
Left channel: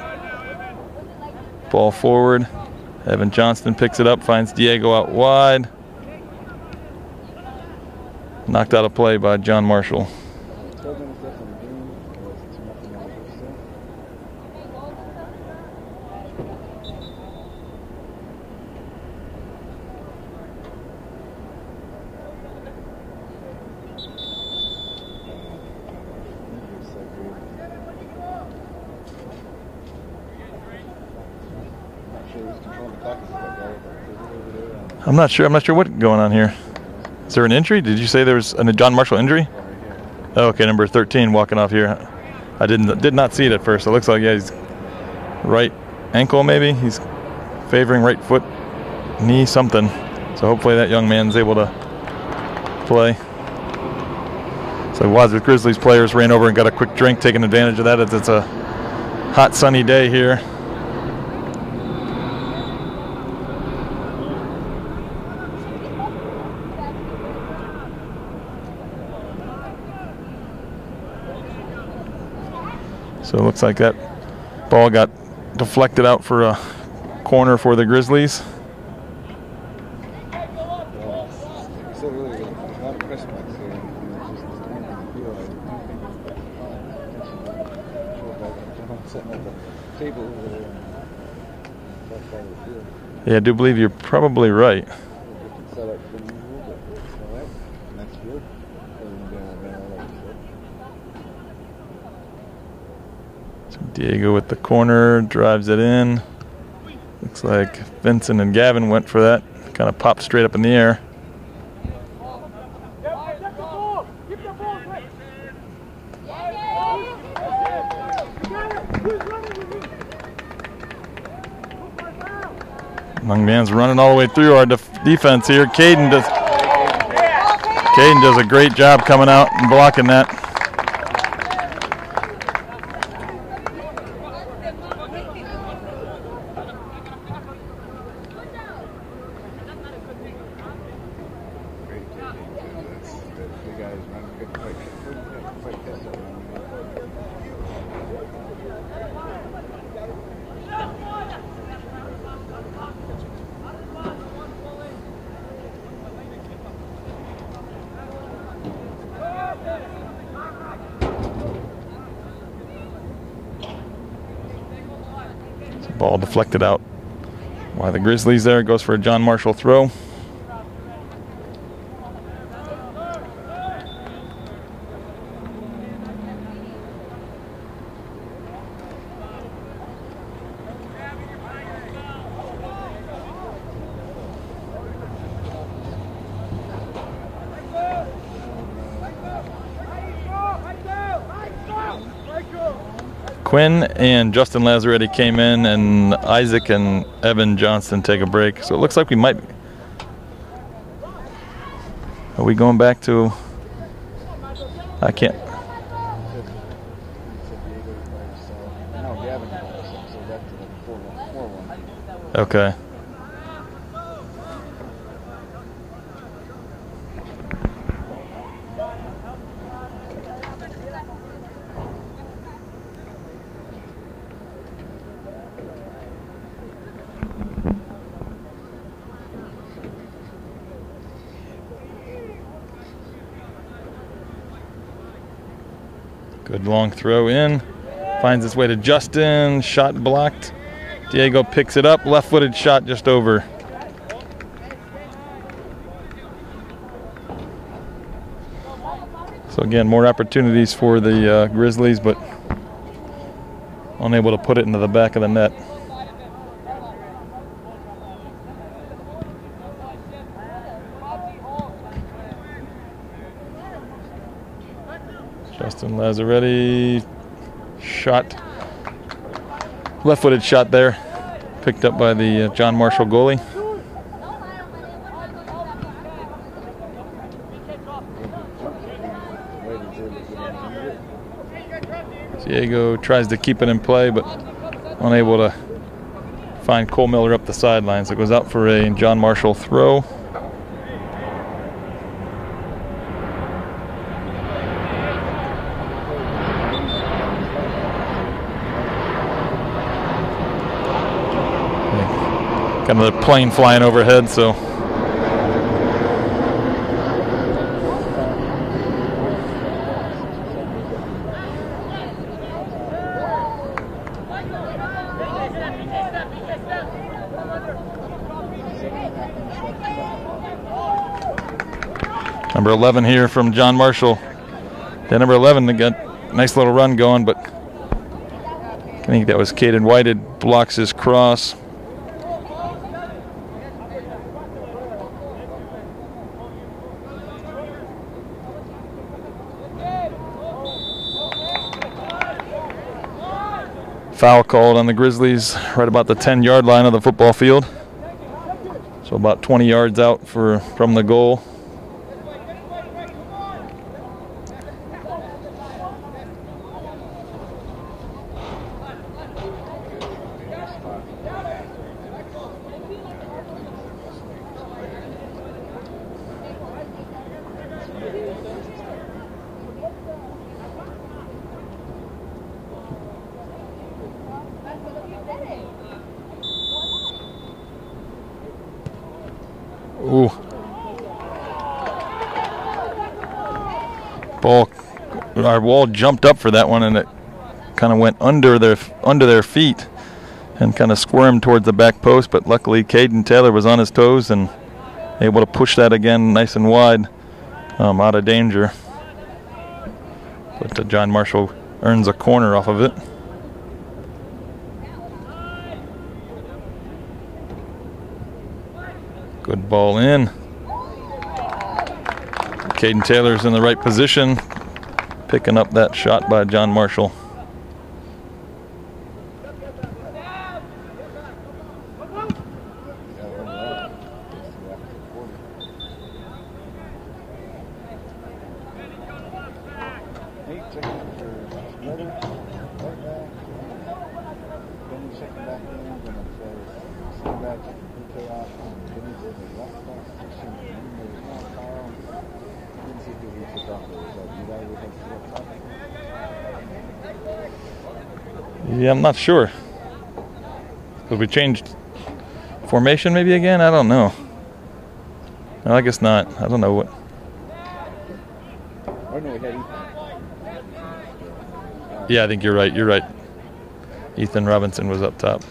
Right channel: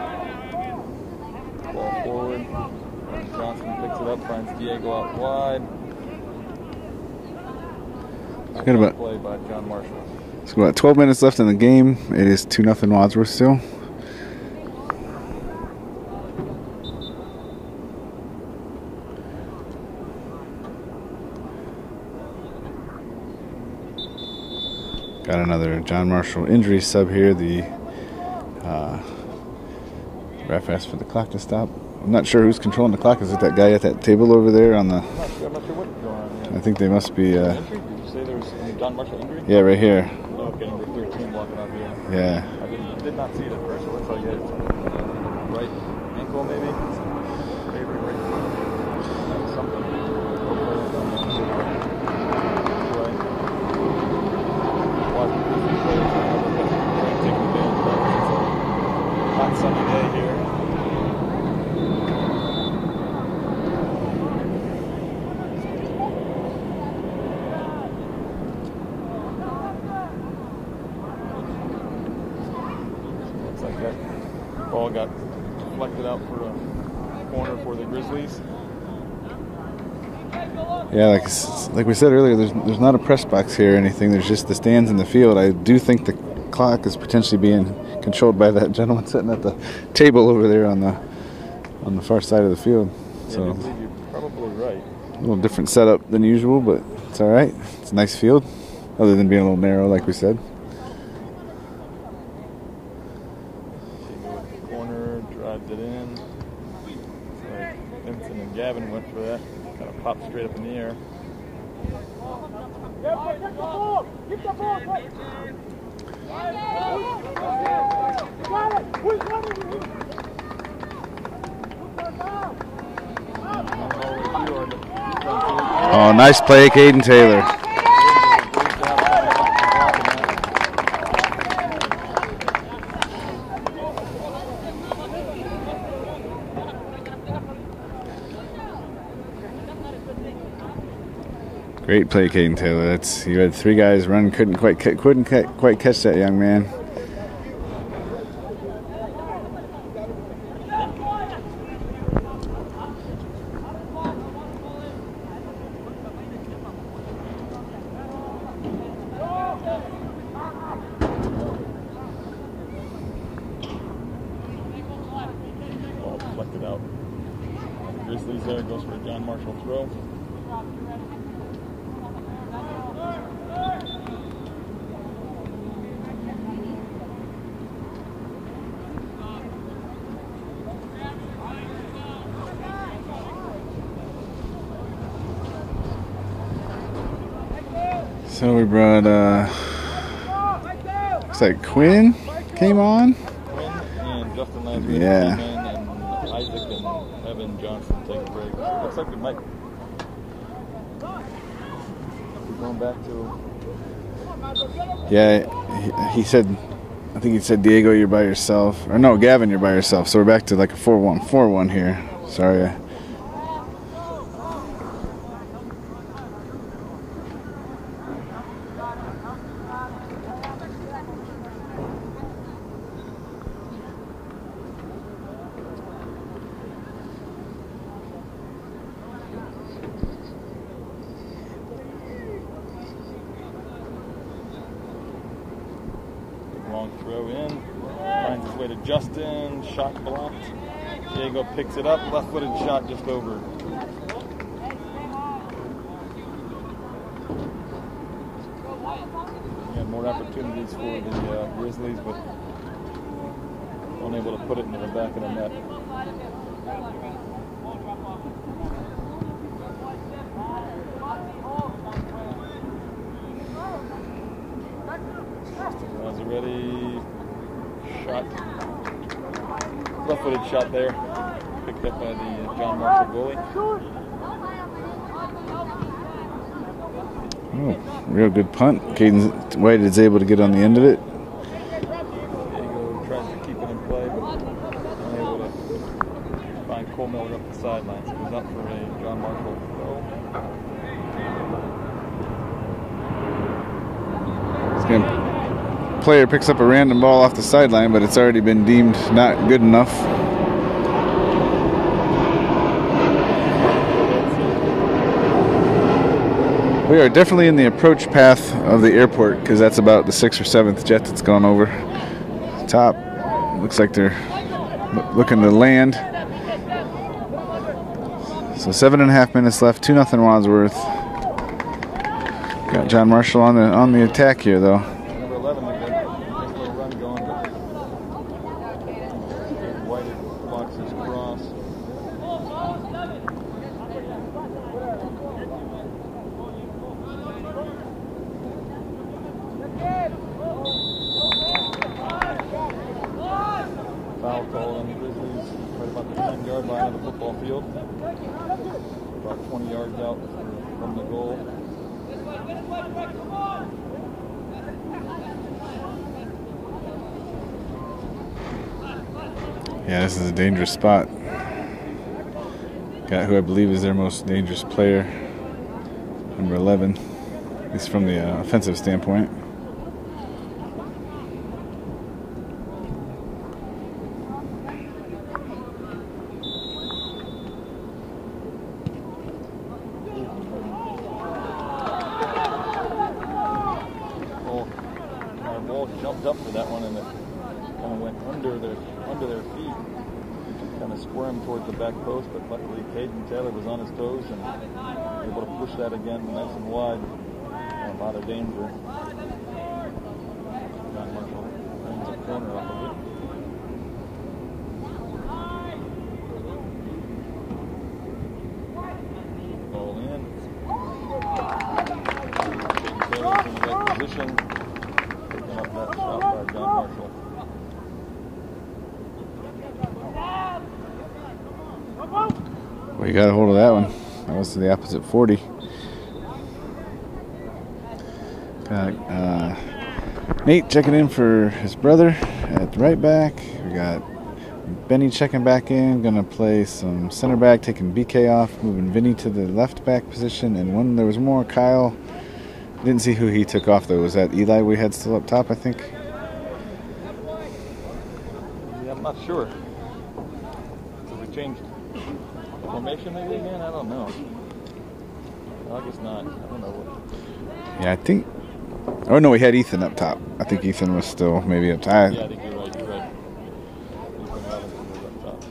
Ball forward. Evan Johnston picks it up, finds Diego out wide. Knocked out a play by John Marshall. So about 12 minutes left in the game. It is 2-0 Wadsworth still. Got another John Marshall injury sub here. The ref asked for the clock to stop. I'm not sure who's controlling the clock. Is it that guy at that table over there on the... I'm not sure what's going on here. I think they must be... Is there an injury? Did you say there was a John Marshall injury? Yeah, right here. Oh, okay, number 13 walking off here. Yeah. I did not see it at first. It looks like, yeah, he's right ankle maybe. He's favoring right foot, knee, something. So hopefully that young man's able to play. So Wadsworth Grizzlies players ran over and got a quick drink, taking advantage of that. It's a hot, sunny day here. So it looks like that ball got deflected out for a corner for the Grizzlies. Yeah, like we said earlier, there's not a press box here or anything. There's just the stands in the field. I do think the clock is potentially being controlled by that gentleman sitting at the table over there on the far side of the field. Yeah, so, I do believe you're probably right. A little different setup than usual, but it's all right. It's a nice field, other than being a little narrow, like we said. So Diego with the corner, drives it in. Looks like Vincent and Gavin went for that. Kind of popped straight up in the air. Young man's running all the way through our defense here. Caden nice play, Caden Taylor. Caden does a great job coming out and blocking that. Great play, Caden Taylor. You had three guys run, couldn't quite catch that young man. Ball deflected out by the Grizzlies there. Goes for a John Marshall throw. So we brought, looks like Quinn came on. Quinn and Justin Lazaretti came in, and Isaac and Evan Johnston take a break. So it looks like we might. Are we going back to? He said, I think he said, Diego, you're by yourself. Or no, Gavin, you're by yourself. So we're back to like a 4-1 here. Sorry. Okay. Good long throw in. Finds its way to Justin. Shot blocked. Diego picks it up. Left-footed shot just over. So again, more opportunities for the Grizzlies, but unable to put it into the back of the net. Justin Lazaretti shot, left-footed shot there, picked up by the John Marshall goalie. Oh, real good punt. Caden White is able to get on the end of it. Diego tries to keep it in play, but unable to find Cole Miller up the sidelines. It goes out for a John Marshall throw. Player picks up a random ball off the sideline, but it's already been deemed not good enough. Got another plane flying overhead, so we are definitely in the approach path of the airport, because that's about the 6th or 7th jet that's gone over top. Looks like they're looking to land. So 7.5 minutes left. 2-0 Wadsworth. Number 11 here from John Marshall. On the attack here, though. Yeah, number 11, they got a nice little run going, but I think that was Caden White. It blocks his cross. Foul called on the Grizzlies right about the 10-yard line of the football field. So about 20 yards out from the goal. Yeah, this is a dangerous spot. Got who I believe is their most dangerous player, number 11. At least from the offensive standpoint. Ooh. Ball. Our wall jumped up for that one, and it kind of went under their feet and kind of squirmed towards the back post, but luckily Caden Taylor was on his toes and able to push that again nice and wide, out of danger. But John Marshall earns a corner off of it. Good ball in. Caden Taylor's in the right position, picking up that shot by John Marshall. We got a hold of that one. That was to the opposite 40. Got Nate checking in for his brother at the right back. We got Benny checking back in. Gonna play some center back, taking BK off, moving Vinny to the left back position. And when there was more, Kyle. Didn't see who he took off though. Was that Eli we had still up top, I think? Yeah, I'm not sure. So we changed formation maybe again? I don't know. No, I guess not. I don't know what. Yeah, I think. Oh no, we had Ethan up top. I think Ethan was still maybe up top. Yeah, I think you're right. You're right. Ethan Robinson was up top.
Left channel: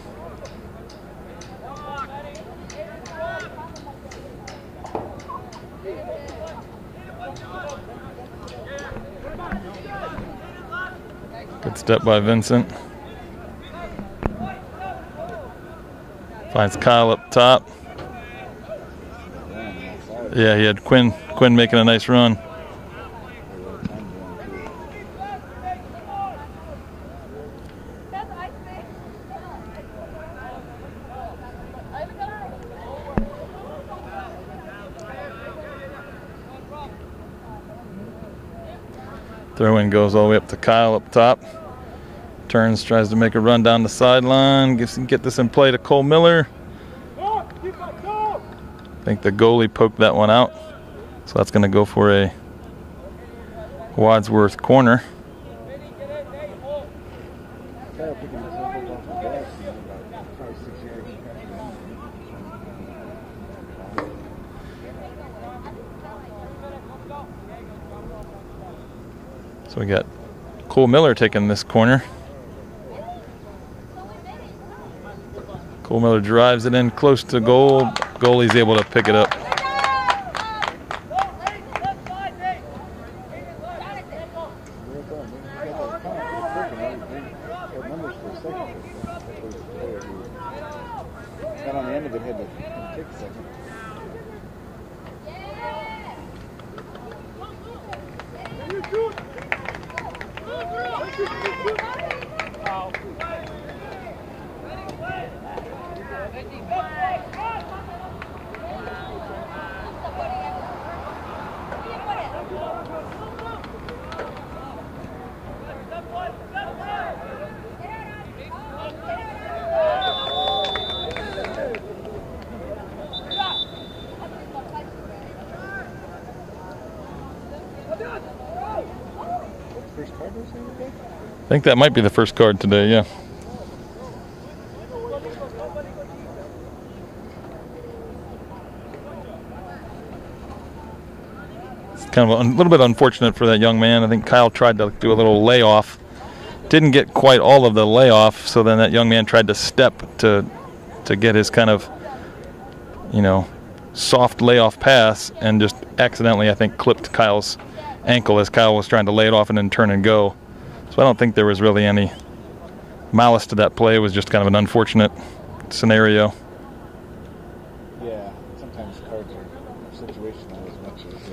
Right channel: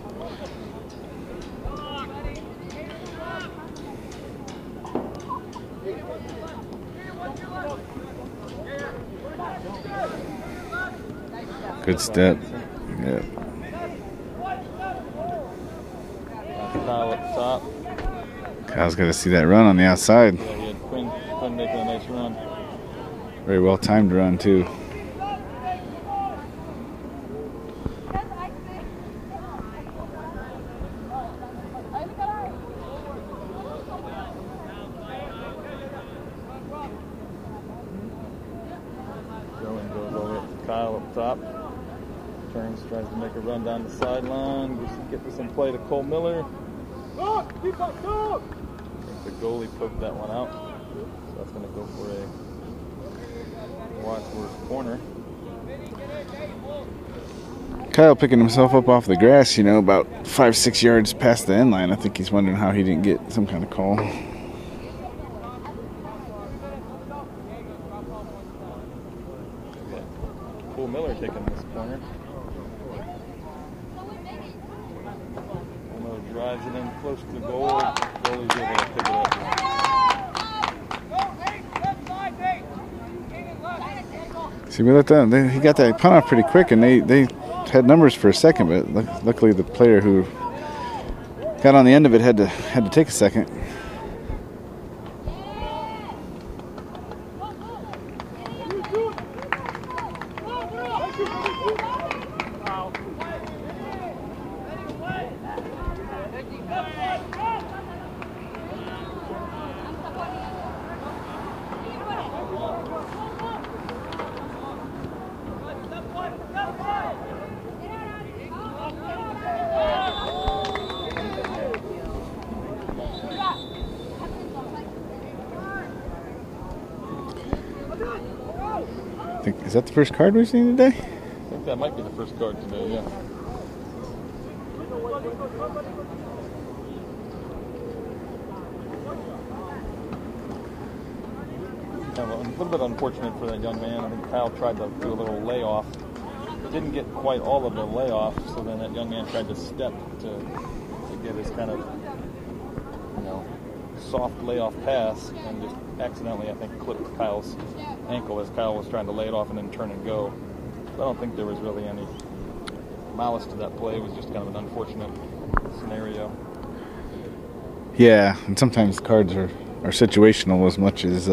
Good step by Vincent. Yep. Finds Kyle up top. Kyle's got to see that run on the outside. Yeah, he had Quinn making a nice run. Very well timed run too. Throw-in goes all the way up to Kyle up top. Turns, tries to make a run down the sideline. Get this in play to Cole Miller. I think the goalie poked that one out. So that's going to go for a Wadsworth corner. Kyle picking himself up off the grass, you know, about 5-6 yards past the end line. I think he's wondering how he didn't get some kind of call. So we got Cole Miller taking this corner. Cole Miller drives it in close to goal. Goalie's able to pick it up. See, we let that. He got that punt off pretty quick, and they had numbers for a second, but luckily the player who got on the end of it had to take a second. Is that the first card we've seen today? I think that might be the first card today, yeah. It's kind of a little bit unfortunate for that young man. I think Kyle tried to do a little layoff. Didn't get quite all of the layoff, so then that young man tried to step to get his kind of, you know, soft layoff pass and just accidentally, I think, clipped Kyle's ankle as Kyle was trying to lay it off and then turn and go. So I don't think there was really any malice to that play. It was just kind of an unfortunate scenario. Yeah, and sometimes cards are situational as much as,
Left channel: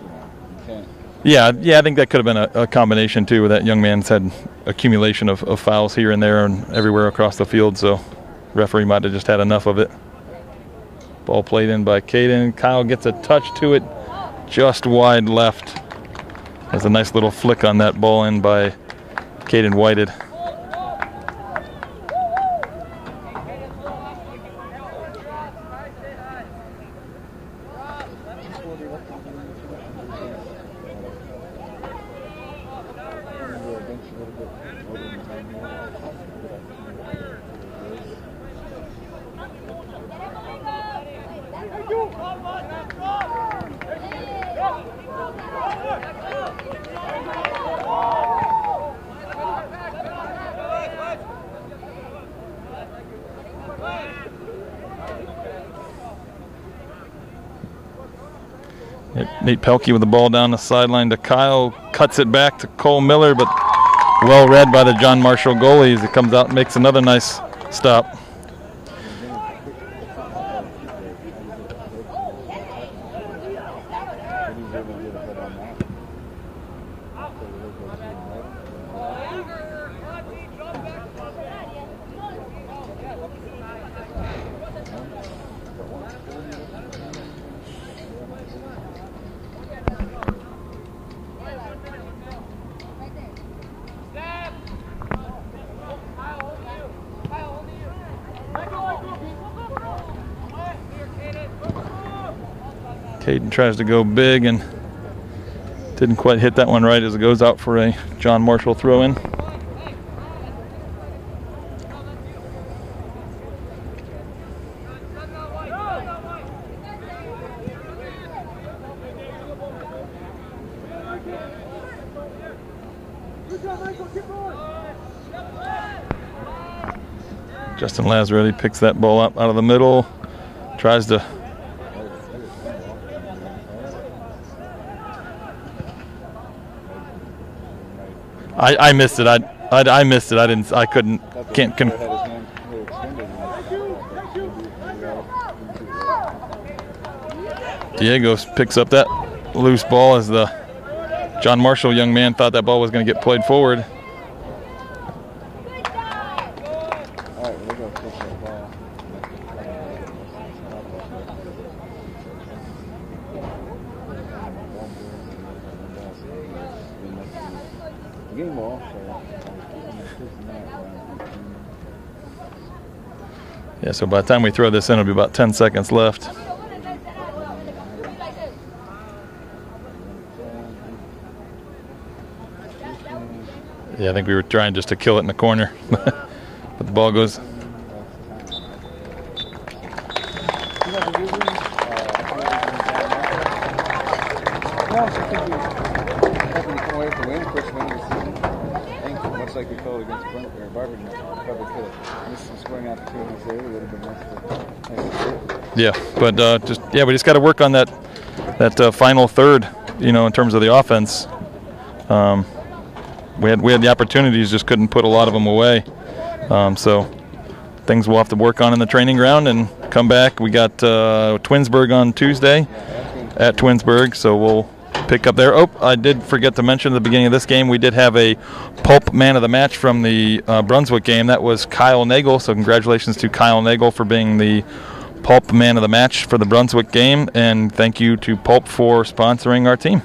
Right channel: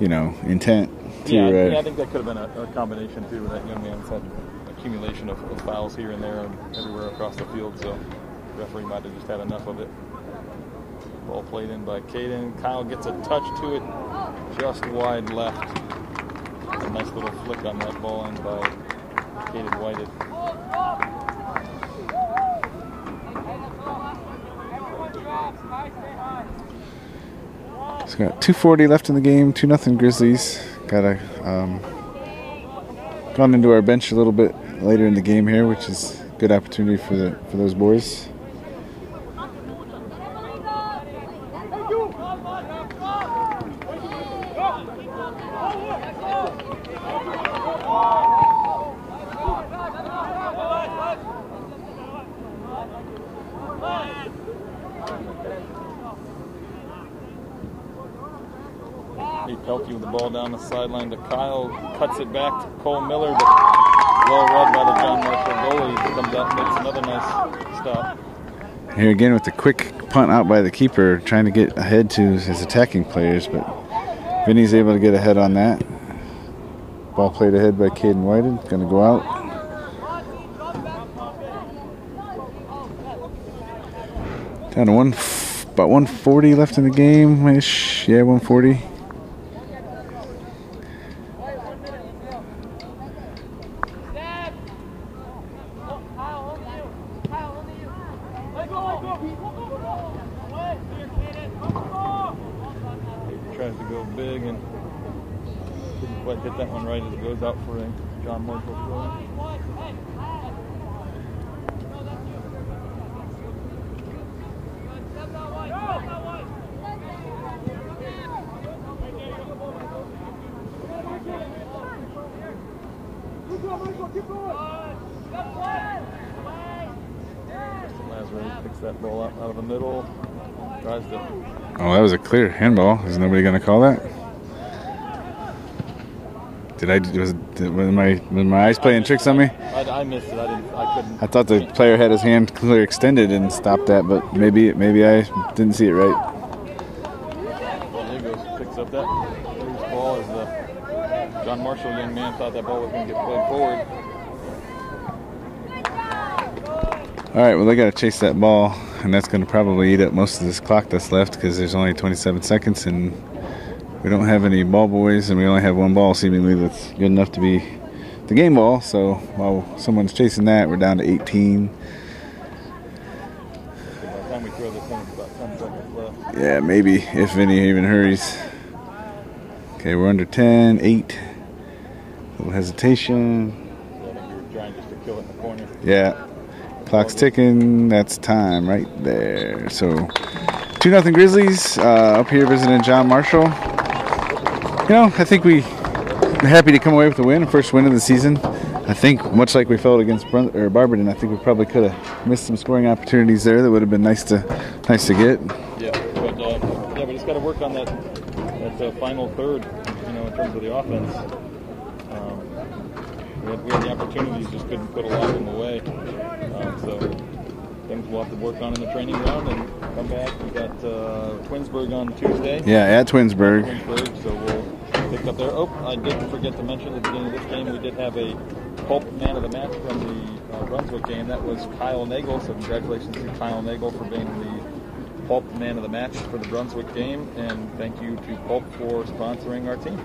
you know, intent. Yeah, I think that could have been a combination too, where that young man's had accumulation of fouls here and there and everywhere across the field, so referee might have just had enough of it. Ball played in by Caden. Kyle gets a touch to it, just wide left. There's a nice little flick on that ball in by Caden Whited. It's got 2:40 left in the game, 2-0 Grizzlies. Got a gone into our bench a little bit later in the game here, which is a good opportunity for those boys. Nate Pelkey with the ball down the sideline to Kyle, cuts it back to Cole Miller, but well read by the John Marshall goalie as it comes out and makes another nice stop. Here again with the quick punt out by the keeper, trying to get ahead to his attacking players, but Vinny's able to get ahead on that. Ball played ahead by Caden Whited, going to go out. Down to about 1:40 left in the game-ish. Yeah, 1:40. Caden tries to go big and didn't quite hit that one right as it goes out for a John Marshall throw-in. Justin Lazzaretti picks that ball up out of the middle, tries to... Oh, that was a clear handball. Is nobody going to call that? Was my eyes I playing missed tricks it. on me? I missed it. I couldn't. I thought the player had his hand clear extended and stopped that, but maybe I didn't see it right. Diego picks up that loose ball as the John Marshall young man thought that ball was going to get played forward. All right, well, they got to chase that ball, and that's going to probably eat up most of this clock that's left because there's only 27 seconds, and we don't have any ball boys, and we only have one ball seemingly that's good enough to be the game ball. So while someone's chasing that, we're down to 18. Yeah, so by the time we throw this in, it'll be about 10 seconds left. Yeah, maybe, if any even hurries. Okay, we're under 10, 8. A little hesitation. Yeah, I think we were trying just to kill it in the corner. Yeah. But the Clock's ball goes. ticking. That's time right there. So 2-0 Grizzlies up here visiting John Marshall. You know, I think we're happy to come away with the win, first win of the season. I think much like we felt against Barberton, I think we probably could have missed some scoring opportunities there that would have been nice to get. Yeah, but we just got to work on that final third. You know, in terms of the offense, we had the opportunities, just couldn't put a lot of them away. So things we'll have to work on in the training ground and come back. We got Twinsburg on Tuesday. Yeah, at Twinsburg. So we'll pick up there. Oh, I did forget to mention at the beginning of this game, we did have a Pulp Man of the Match from the Brunswick game. That was Kyle Nagel. So congratulations to Kyle Nagel for being the Pulp Man of the Match for the Brunswick game. And thank you to Pulp for sponsoring our team.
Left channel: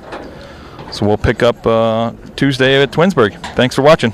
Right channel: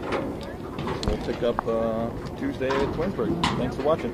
So we'll pick up Tuesday at Twinsburg. Thanks for watching.